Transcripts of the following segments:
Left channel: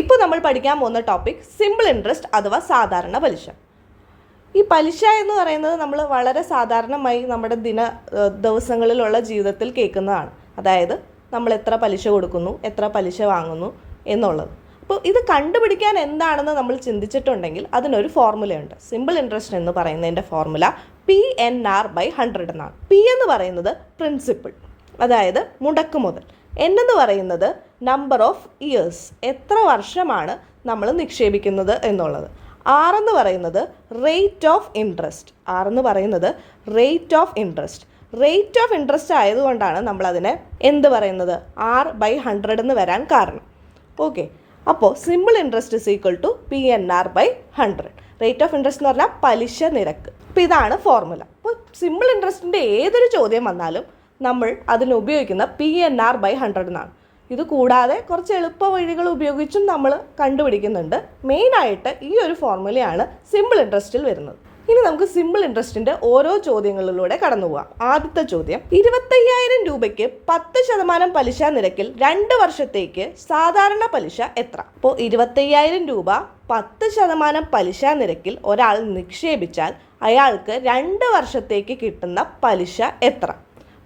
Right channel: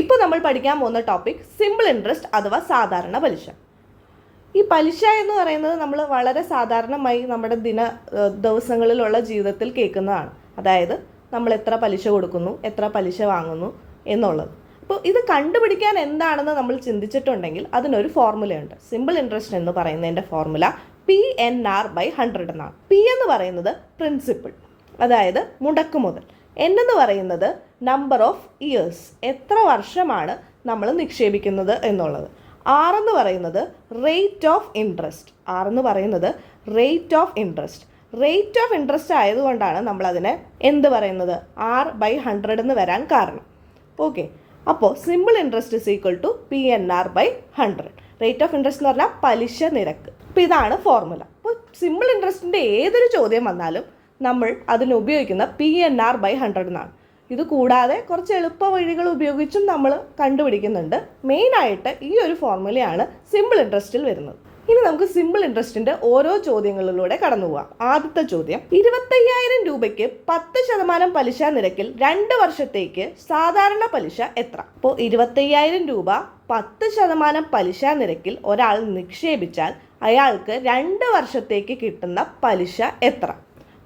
ഇപ്പോൾ നമ്മൾ പഠിക്കാൻ പോകുന്ന ടോപ്പിക് സിമ്പിൾ ഇൻട്രസ്റ്റ് അഥവാ സാധാരണ പലിശ. ഈ പലിശ എന്ന് പറയുന്നത് നമ്മൾ വളരെ സാധാരണമായി നമ്മുടെ ദിവസങ്ങളിലുള്ള ജീവിതത്തിൽ കേൾക്കുന്നതാണ്. അതായത് നമ്മൾ എത്ര പലിശ കൊടുക്കുന്നു, എത്ര പലിശ വാങ്ങുന്നു എന്നുള്ളത്. അപ്പോൾ ഇത് കണ്ടുപിടിക്കാൻ എന്താണെന്ന് നമ്മൾ ചിന്തിച്ചിട്ടുണ്ടെങ്കിൽ അതിനൊരു ഫോർമുലയുണ്ട്. സിമ്പിൾ ഇൻട്രസ്റ്റ് എന്ന് പറയുന്നതിൻ്റെ ഫോർമുല PNR/100 എന്നാണ്. P എന്ന് പറയുന്നത് പ്രിൻസിപ്പിൾ, അതായത് മുടക്ക് മുതൽ. N എന്ന് പറയുന്നത് നമ്പർ ഓഫ് ഇയേഴ്സ്, എത്ര വർഷമാണ് നമ്മൾ നിക്ഷേപിക്കുന്നത് എന്നുള്ളത്. R എന്ന് പറയുന്നത് rate of interest. Rate of interest ആയതുകൊണ്ടാണ് നമ്മളതിനെ എന്ത് പറയുന്നത് R/100 എന്ന് വരാൻ കാരണം. ഓക്കെ, അപ്പോൾ simple interest is equal to PNR/100. Rate of interest എന്ന് പറഞ്ഞാൽ പലിശ നിരക്ക്. അപ്പോൾ ഇതാണ് ഫോർമുല. അപ്പോൾ സിമ്പിൾ ഇൻട്രസ്റ്റിൻ്റെ ഏതൊരു ചോദ്യം വന്നാലും നമ്മൾ അതിന് ഉപയോഗിക്കുന്ന PNR/100 എന്നാണ്. ഇത് കൂടാതെ കുറച്ച് എളുപ്പ വഴികൾ ഉപയോഗിച്ചും നമ്മൾ കണ്ടുപിടിക്കുന്നുണ്ട്. മെയിനായിട്ട് ഈ ഒരു ഫോർമുലയാണ് സിമ്പിൾ ഇൻട്രസ്റ്റിൽ വരുന്നത്. ഇനി നമുക്ക് സിമ്പിൾ ഇൻട്രസ്റ്റിൻ്റെ ഓരോ ചോദ്യങ്ങളിലൂടെ കടന്നു പോകാം. ആദ്യത്തെ ചോദ്യം, 25,000 രൂപയ്ക്ക് 10% പലിശ നിരക്കിൽ 2 വർഷത്തേക്ക് സാധാരണ പലിശ എത്ര? അപ്പോൾ 25,000 രൂപ 10% പലിശ നിരക്കിൽ ഒരാൾ നിക്ഷേപിച്ചാൽ അയാൾക്ക് 2 വർഷത്തേക്ക് കിട്ടുന്ന പലിശ എത്ര?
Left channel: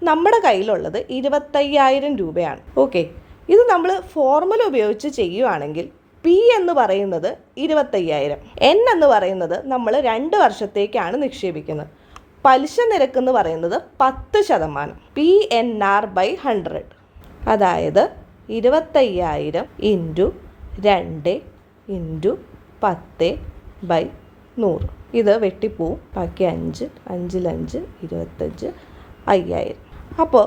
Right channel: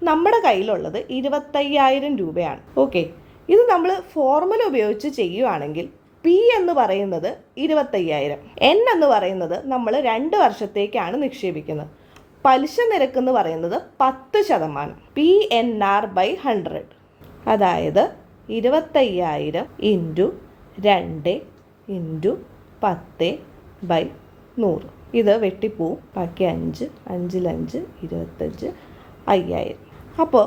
നമ്മുടെ കയ്യിലുള്ളത് 25,000 രൂപയാണ്. ഓക്കെ, ഇത് നമ്മൾ ഫോർമുല ഉപയോഗിച്ച് ചെയ്യുവാണെങ്കിൽ P എന്ന് പറയുന്നത് 25,000, N എന്ന് പറയുന്നത് നമ്മൾ 2 വർഷത്തേക്കാണ് നിക്ഷേപിക്കുന്നത്. പലിശ നിരക്ക് എന്ന് പറയുന്നത് 10%. PNR/100, അതായത് 25,000 ഇൻറ്റു 2 ഇൻറ്റു 10/100. ഇത് വെട്ടിപ്പോവും, ബാക്കി 5, 5 5 25, 5000. അപ്പോൾ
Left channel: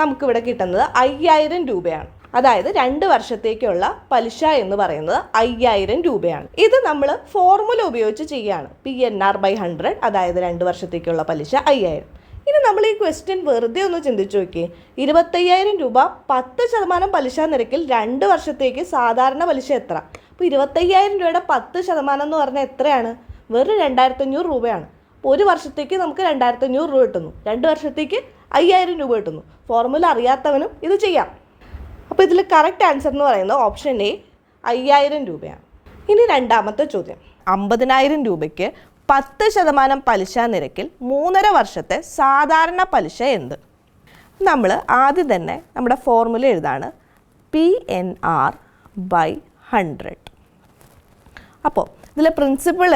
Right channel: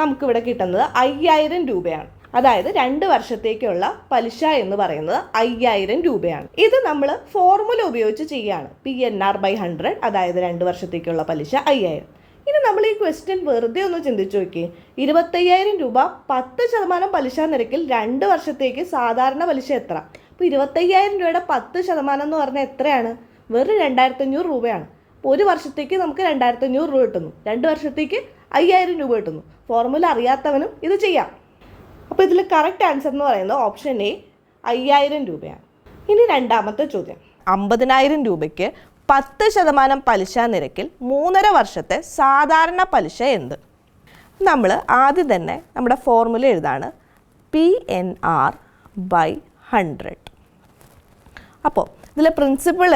നമുക്കിവിടെ കിട്ടുന്നത് 5000 രൂപയാണ്. അതായത് 2 വർഷത്തേക്കുള്ള പലിശ എന്ന് പറയുന്നത് 5000 രൂപയാണ്. ഇത് നമ്മൾ ഫോർമുല ഉപയോഗിച്ച് ചെയ്യുകയാണ്. PNR/100, അതായത് 2 വർഷത്തേക്കുള്ള പലിശ 5000. ഇനി നമ്മൾ ഈ ക്വസ്റ്റ്യൻ വെറുതെ ഒന്ന് ചിന്തിച്ചു നോക്കിയേ. 25,000 രൂപ 10% പലിശ നിരക്കിൽ 2 വർഷത്തേക്ക് സാധാരണ പലിശ എത്ര? അപ്പോൾ 25,000 രൂപയുടെ 10% എന്ന് പറഞ്ഞാൽ എത്രയാണ്? വെറും 2500 രൂപയാണ്. അപ്പോൾ ഒരു വർഷത്തേക്ക് നമുക്ക് 2500 രൂപ കിട്ടുന്നു, 2 വർഷത്തേക്ക് 5000 രൂപ കിട്ടുന്നു. ഫോർമുല അറിയാത്തവനും ഇത് ചെയ്യാം. അപ്പോൾ ഇതിൽ കറക്റ്റ് ആൻസർ എന്ന് പറയുന്നത് ഓപ്ഷൻ എ 5000 രൂപയാണ്. ഇനി രണ്ടാമത്തെ ചോദ്യം, 50,000 രൂപയ്ക്ക് 10% പലിശ നിരക്കിൽ 3.5 വർഷത്തെ സാധാരണ പലിശ എന്ത്? നമ്മൾ ആദ്യം തന്നെ നമ്മുടെ ഫോർമുല എഴുതാണ്, PNR/100. അപ്പോൾ ഇതിൽ പ്രിൻസിപ്പൾ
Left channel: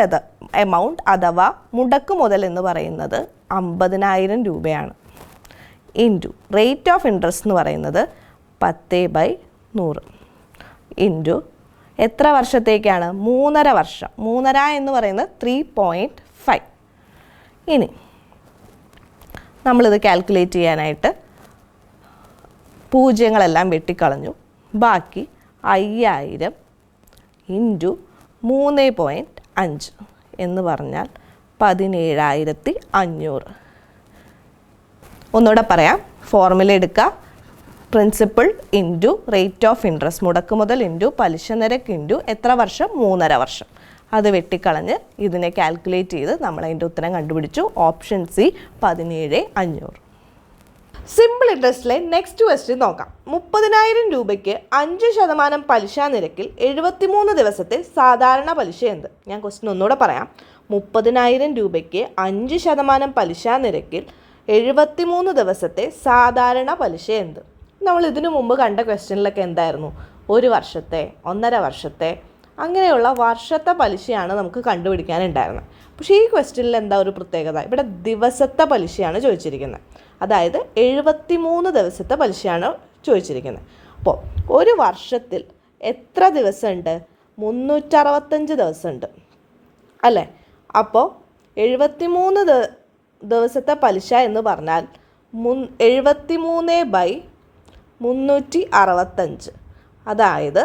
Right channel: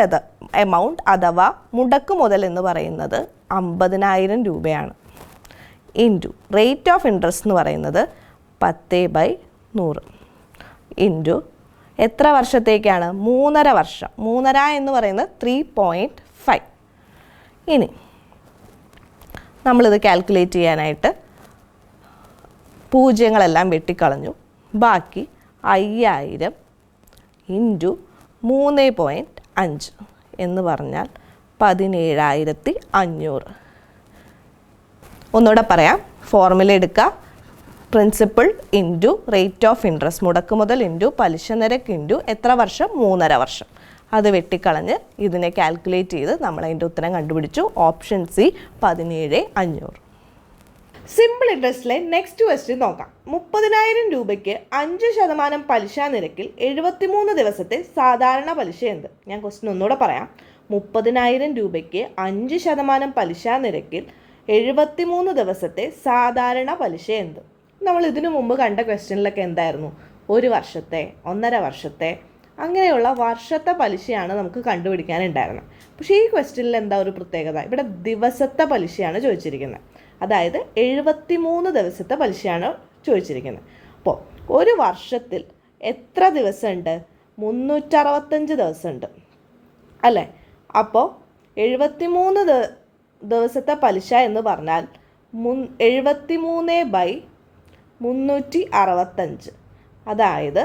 എമൗണ്ട് അഥവാ മുടക്ക് മുതൽ എന്ന് പറയുന്നത് 50,000 രൂപയാണ്. ഇൻറ്റു റേറ്റ് ഓഫ് ഇൻട്രസ്റ്റ് എന്ന് പറയുന്നത് 10/100 ഇൻറ്റു എത്ര വർഷത്തേക്കാണ്? 3.5 വർഷം. 3.5 എന്ന് പറയുന്നത് 3.5. ഇനി നമ്മളിത് കാൽക്കുലേറ്റ് ചെയ്യാനായിട്ട് പൂജ്യങ്ങളെല്ലാം വെട്ടിക്കളഞ്ഞു. ബാക്കി 5000 ഇൻറ്റു 3.5 എന്ന് പറഞ്ഞാൽ 17,500. ഒന്നുകൂടെ പറയാം, ഫോർമുല എടുക്കുക. Principle into rate of interest, മുടക്ക് മുതൽ ഇൻറ്റു പലിശ നിരക്ക് ഇൻറ്റു എത്ര വർഷം? 3.5 വർഷം. അത് വെട്ടിക്കളഞ്ഞ് ഇതിനെ കാൽക്കുലേറ്റ് ചെയ്ത് നമ്മൾ അതിൻ്റെ ഉത്തരം കണ്ടുപിടിച്ചു. Option C 17,500. സിമ്പിൾ ഇൻട്രസ്റ്റിലെ നെക്സ്റ്റ് ക്വസ്റ്റ്യൻ നോക്കാം. 30,000 രൂപയ്ക്ക് 5% പലിശ നിരക്കിൽ 73 ദിവസത്തെ സാധാരണ പലിശ എന്ത്? ഞാൻ ക്വസ്റ്റ്യൻ ഒന്നുകൂടെ പറയാം. 30,000 രൂപയ്ക്ക് 5% പലിശ നിരക്കിൽ 73 ദിവസത്തെ സാധാരണ പലിശ എന്ത്? നമ്മൾ ഇതിനു മുമ്പ് കണ്ട ക്വസ്റ്റ്യനിലൊക്കെ എന്തായിരുന്നു? 1 വർഷത്തെ, 1.5 വർഷത്തെ, അങ്ങനെയുള്ള വർഷത്തെ പലിശയാണ് നമുക്ക് കണ്ടുപിടിക്കാനുണ്ടായിരുന്നത്. പക്ഷേ ഈ ക്വസ്റ്റ്യനിൽ എന്താ ഒരു പ്രത്യേകത? ഇവിടെ ദിവസത്തെ പലിശയാണ് ചോദിച്ചിരിക്കുന്നത്. അതായത് 73 ദിവസത്തെ പലിശയാണ് ചോദിച്ചിരിക്കുന്നത്. അപ്പോൾ ഒരു വർഷത്തിൽ എത്ര ദിവസമുണ്ട്? 365 ദിവസമുണ്ട് അല്ലേ? അപ്പോൾ 73 ദിവസത്തെ പലിശ എന്ന് പറഞ്ഞാൽ 73/365. അതായത്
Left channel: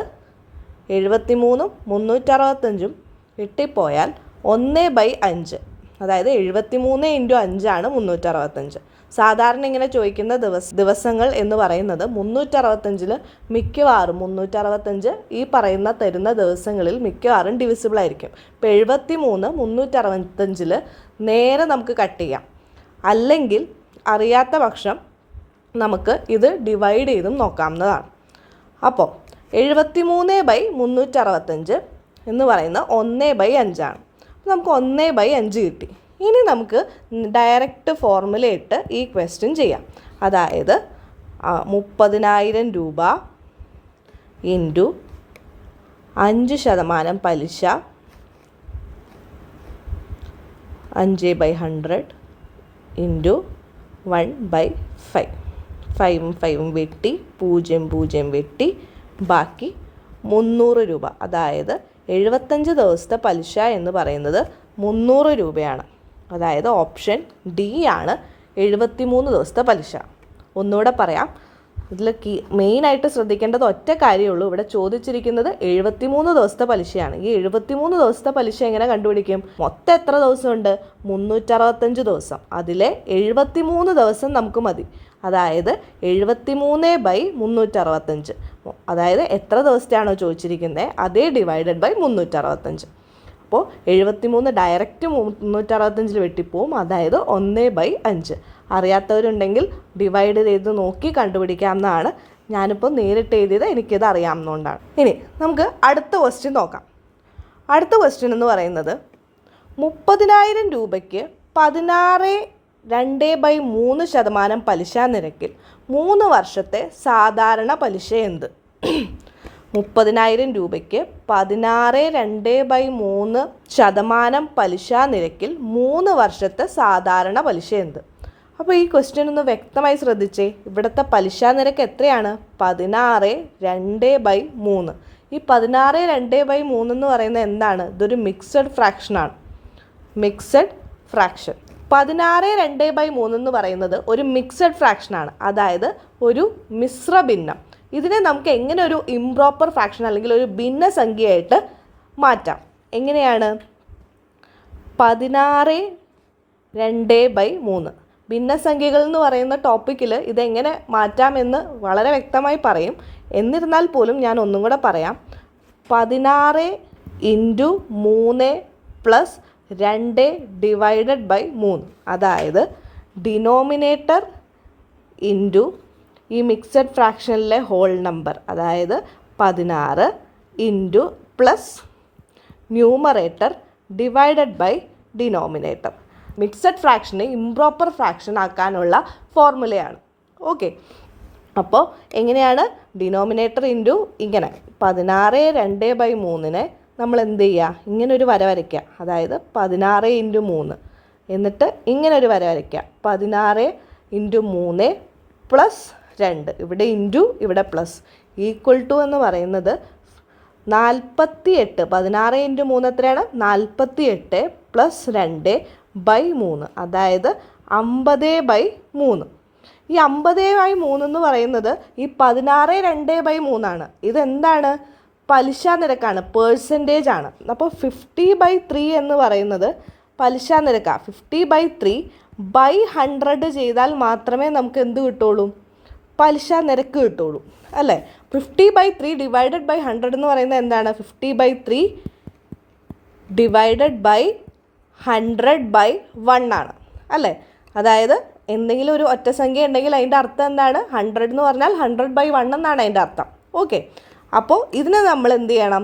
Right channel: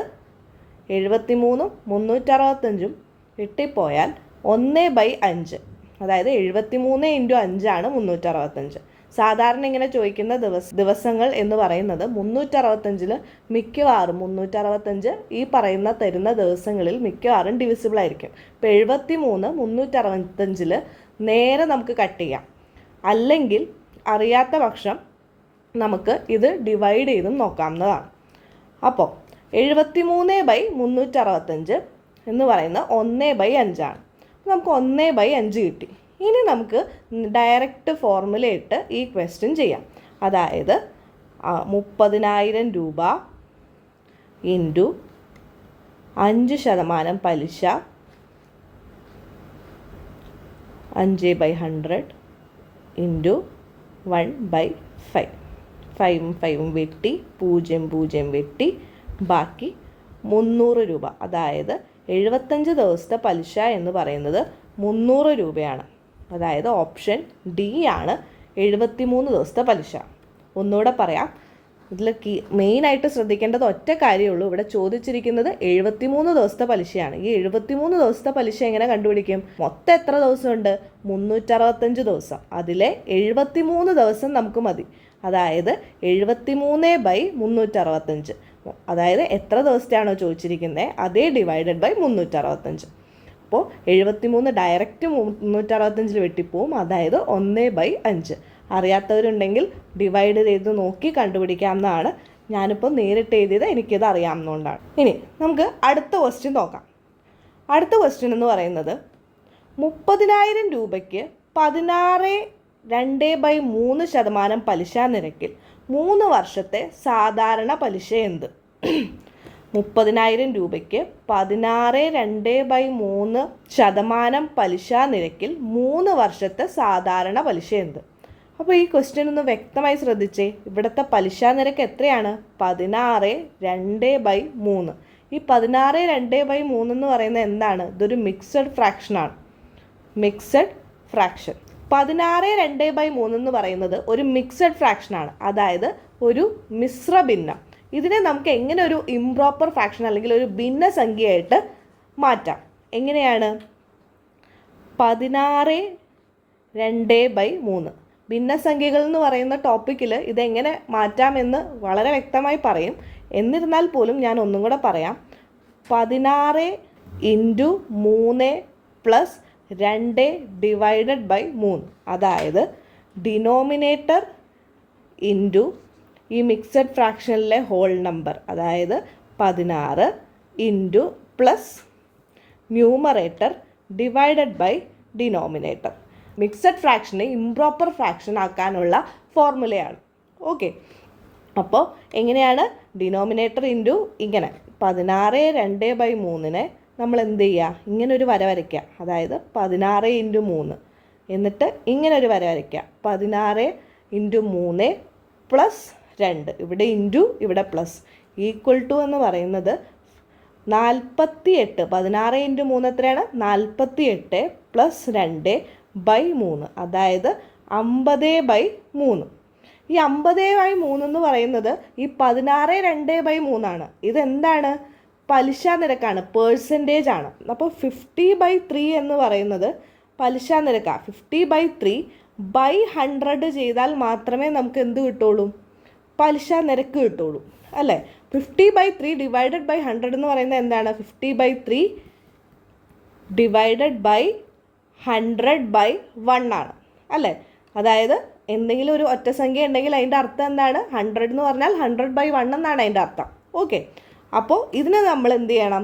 73ഉം 365ഉം വെട്ടിപ്പോയാൽ 1/5. അതായത് 73 ഇൻറ്റു 5 365. സാധാരണ ഇങ്ങനെ ചോദിക്കുന്ന ദിവസങ്ങൾ എന്ന് പറയുന്നത് 365 മിക്കവാറും 365 ഈ പറയുന്ന തരുന്ന ദിവസങ്ങളിൽ മിക്കവാറും ഡിവിസിബിൾ ആയിരിക്കും. ഇപ്പോൾ 73 365 നേരെ നമുക്ക് കട്ട് ചെയ്യാം. അല്ലെങ്കിൽ അറിയാത്ത പക്ഷം നമുക്ക് ഇത് ഡിവൈഡ് ചെയ്തും നോക്കാവുന്നതാണ്. അപ്പോൾ 73/365 എന്ന് പറയുന്ന 1/5 ആണ്. നമുക്ക് 1/5 കിട്ടി. ഇനി നമുക്ക് ഡയറക്റ്റ് ഫോർമുല ഇട്ട് ഈ ക്വസ്റ്റ്യൻ ചെയ്യാം. അതായത് 30,000 രൂപ ഇൻറ്റു 5% പലിശ 5/100 ഇൻറ്റു 1/5. 5 വെട്ടി 0 വെട്ടി ബാക്കി 300 രൂപ. അതായത് 75 ദിവസത്തെ പലിശ എന്ന് പറയുന്നത് 300 രൂപയാണ്. അതായത് ഓപ്ഷൻ ഡി ആണ് 73 ദിവസത്തെ പലിശ. ഒന്നുകൂടെ പറയാം, ഇതിൽ മെയിനായിട്ട് ശ്രദ്ധിക്കേണ്ടത് ഒറ്റ കാര്യമുള്ളൂ. ഇവിടെ ചോദിച്ചിരിക്കുന്നത് 73 ദിവസത്തെ പലിശയാണ്. ഈ 73 ദിവസത്തെ പലിശ എങ്ങനെ കണ്ടുപിടിക്കും? മൊത്തം എത്ര ദിവസമുണ്ട്? 365 ദിവസം. അതിലെ 73 ദിവസം നമുക്ക് മതി. അതായത് 73/365. അതായത് എത്ര ദിവസത്തെയാണോ ചോദിച്ചിരിക്കുന്നത് അതേ ഡിവൈഡഡ് ബൈ 365. അപ്പോൾ 73 ഡയറക്റ്റ് 365 വെട്ടിപ്പോവും. അതായത് 1/5. അറിയാത്തവരുണ്ടെങ്കിൽ ഡിവൈഡ് ചെയ്ത് നോക്കി കണ്ടുപിടിക്കാവുന്നതാണ്. ഞാനിപ്പോൾ നേരിട്ട് എഴുതിയത് എനിക്കിത് അറിയാവുന്നതുകൊണ്ടാണ്. ഇനി നമുക്ക് അടുത്ത ക്വസ്റ്റ്യൻ നോക്കാം. അടുത്ത ക്വസ്റ്റ്യൻ എന്ന് പറയുന്നത് 30,000 രൂപയ്ക്ക് 16.2/3% പലിശ നിരക്കിൽ 3 വർഷത്തെ സാധാരണ പലിശ എന്ത്? 30,000 രൂപയ്ക്ക് 16.2/3% പലിശ നിരക്കിൽ 3 വർഷത്തെ സാധാരണ പലിശ എന്ത്? അപ്പോൾ ഈ ക്വസ്റ്റ്യൻ ഒന്ന് വ്യക്തമായി ശ്രദ്ധിച്ചേ. ഇവിടുത്തെ പലിശ നിരക്ക് എത്രയാണ്? 16.2/3. ഈ 16.2/3 എന്ന് പറയുന്നത് എന്താണ്? ഇതൊരു മിക്സഡ് ഫ്രാക്ഷനാണ്. മിക്സഡ് ഫ്രാക്ഷൻ 16.2/3 എന്ന് പറയുന്നത് ഒരു മിക്സഡ് ഫ്രാക്ഷനാണ്. അതായത് ഒരു മിശ്ര ഭിന്നം. ഇതിനെ നമുക്ക് എങ്ങനെ ഒരു ഇംപ്രോപ്പർ ഫ്രാക്ഷൻ അല്ലെങ്കിൽ ഒരു ഭിന്നസംഖ്യയായിട്ട് മാറ്റാം? എങ്ങനെയാണ്? 16.2/3 ഭിന്നസംഖ്യകൾ എന്ന് പറയുന്ന ടോപ്പിക്കിൽ ഇതെങ്ങനെ മാറ്റാമെന്ന് വളരെ വ്യക്തമായി പറയും. എന്നിരുന്നാൽ പോലും ഞാൻ ഒന്നും കൂടെ പറയാം. 16 × 3 + 2 ഡിവൈഡഡ് ബൈ 3. അതായത് ഡിനോമിനേറ്റർ ഇൻറ്റു ഈ മിക്സഡ് ഫ്രാക്ഷനിലെ ഹോൾ നമ്പർ, അതായത് 16 into plus numerator divided by denominator. Mixed ഫ്രാക്ഷനെ ഇംപ്രോപ്പർ ഫ്രാക്ഷൻ ആക്കാനുള്ള ഫോർമുലയാണ്. ഓക്കെ, അപ്പോൾ എങ്ങനെയാണ്? ഡിനോമിനേറ്റർ ഇൻറ്റു ഇങ്ങനെ 16.2/3 നമ്മൾ എന്ത് ചെയ്യുക? ഇങ്ങനൊരു വര വരയ്ക്കുക. അതായത് 16 × 3 എന്നിട്ട് ഇങ്ങനൊരു വര വരയ്ക്കുക. 16 × 3 + 2. ഇവിടെ ഇൻറ്റു ഇവിടെ പ്ലസ് ഈക്വൽ ടു എന്ന് പറയുന്നത് 48. 16 × 3 എത്രയാണ്? 48 + 2/3. അതായത് 50/3. ഈ 50/3 എന്ന് പറയുന്നത് ഈ 16.2/3 ആണ്. ഇതെന്താണ്? പലിശ നിരക്കാണ്, പേഴ്സൻറ്റേജ് ആണ്. അപ്പോൾ 50/3 എന്ന് പറയുന്നത് പലിശ നിരക്കാണ്. 50/3/100 ചെയ്താൽ മാത്രമേ നമുക്ക് എന്ത് കിട്ടുള്ളൂ? പലിശ നിരക്ക് കിട്ടുള്ളൂ, അല്ലേ? 50/3 ഡിവൈഡഡ് ബൈ 100 എന്ന് പറയുന്നത് എന്താണ്? 50/3 ഡിവൈഡഡ് ബൈ 100/1 ആണ്, അല്ലേ? അതായത് എന്തെങ്കിലും ഒരു ഒറ്റ സംഖ്യ ഉണ്ടെങ്കിൽ അതിൻ്റെ അർത്ഥം എന്താണ്? 100 എന്ന് പറഞ്ഞാൽ 100/1 എന്നാണ് അതിൻ്റെ അർത്ഥം. ഓക്കെ, അപ്പോൾ ഇതിനെ നമ്മൾ എന്ത് ചെയ്യണം?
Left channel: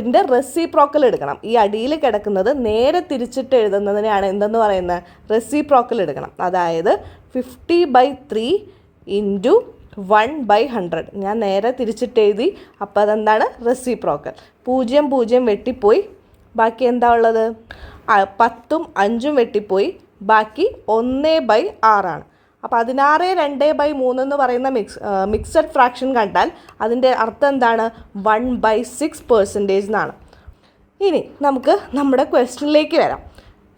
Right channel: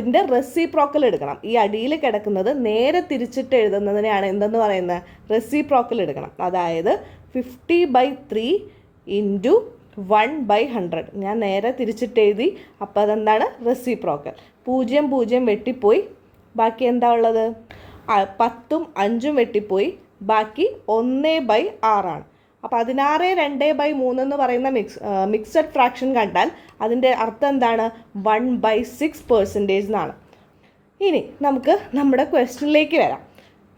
ഇതിൻ്റെ റെസിപ്രോക്കൽ എടുക്കണം. ഈ അടിയിൽ കിടക്കുന്നത് നേരെ തിരിച്ചിട്ട് എഴുതുന്നതിനെയാണ് എന്തെന്ന് പറയുന്നത്? റെസിപ്രോക്കൽ എടുക്കണം. അതായത് 50/3 × 1/100. ഞാൻ നേരെ തിരിച്ചിട്ട് എഴുതി. അപ്പോൾ അതെന്താണ്? റെസിപ്രോക്കൽ. 0 വെട്ടിപ്പോയി, ബാക്കി എന്താ ഉള്ളത്? 10ഉം 5ഉം വെട്ടിപ്പോയി, ബാക്കി 1/6 ആണ്. അപ്പോൾ 16.2/3 എന്ന് പറയുന്ന മിക്സഡ് ഫ്രാക്ഷൻ കണ്ടാൽ അതിൻ്റെ അർത്ഥം എന്താണ്? 1/6% എന്നാണ്. ഇനി നമുക്ക് നമ്മുടെ ക്വസ്റ്റ്യനിലേക്ക് വരാം.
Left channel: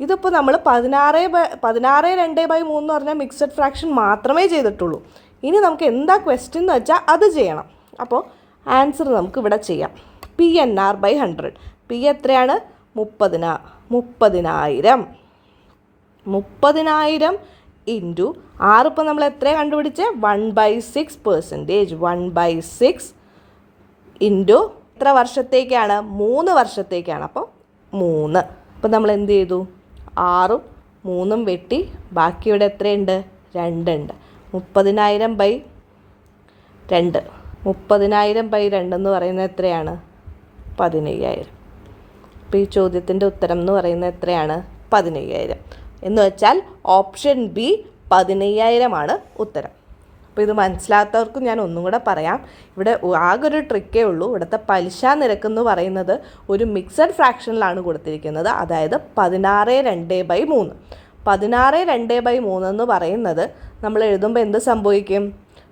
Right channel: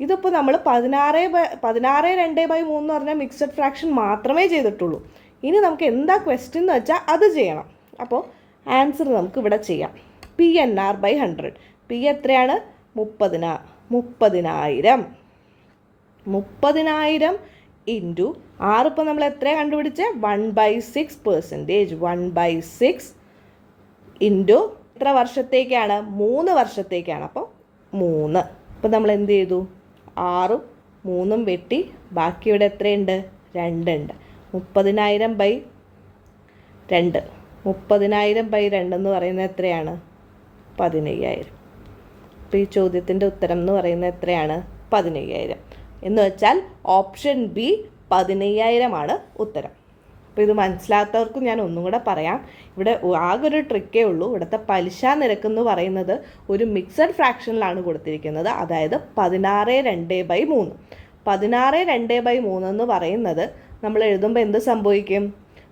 ഇതിപ്പോൾ നമ്മൾ 16.2/3 എന്ന് പറഞ്ഞാൽ മിക്സഡ് ഫ്രാക്ഷൻ മാത്രമേ ചെയ്തിട്ടുള്ളൂ. ഇനി നമുക്ക് എന്താ ക്വസ്റ്റ്യൻ എന്ന് വെച്ചാൽ അത് ചെയ്യണം. അപ്പോൾ ആൻസർ നമുക്ക് ഇവിടെ ചെയ്യാം. PNR/100. പി എത്രയാണ്? 30,000. 30,000 ഇൻറ്റു 6. ഇപ്പോൾ നമ്മൾ എത്ര കണ്ടുപിടിച്ചത്? 1/6%. 1/6 ഇൻറ്റു എത്ര വർഷത്തേക്കാണ്? 3 വർഷത്തേക്കാണ്. അപ്പോൾ 3. അപ്പോൾ നമ്മൾ എന്ത് ചെയ്തു? 6ഉം 3ഉം വെട്ടി, ബാക്കി ഇവിടെ എത്രയുണ്ട്? 2 ഉണ്ട്. 30,000/2. 30,000/2 എന്ന് പറയുന്നത് എത്രയാണ്? 15,000. അപ്പോൾ ഈ ചോദ്യത്തിൻ്റെ ഉത്തരം എന്ന് പറയുന്നത് എത്രയാണ്? 15,000. എന്ന് വെച്ചാൽ ഓപ്ഷൻ ബി 15,000 ആണ് ഉത്തരം. അപ്പോൾ ഇത് മനസ്സിലാത്തവർക്ക് ഞാൻ ഒന്നും കൂടെ പറയാം. ഇവിടെ ആകെ ഒരു ട്രിക്കേ ഉള്ളൂ. ഇവിടുത്തെ പലിശ നിരക്ക് എന്ന് പറയുന്നത് ഒരു മിക്സഡ് ഫ്രാക്ഷനിലാണ് കൊടുത്തിരിക്കുന്നത്. അതായത് 16/2/3. 16/2/3 എന്ന് പറയുന്നത് നമ്മൾ എഴുതുമ്പോൾ എന്ത് സംഭവിക്കും?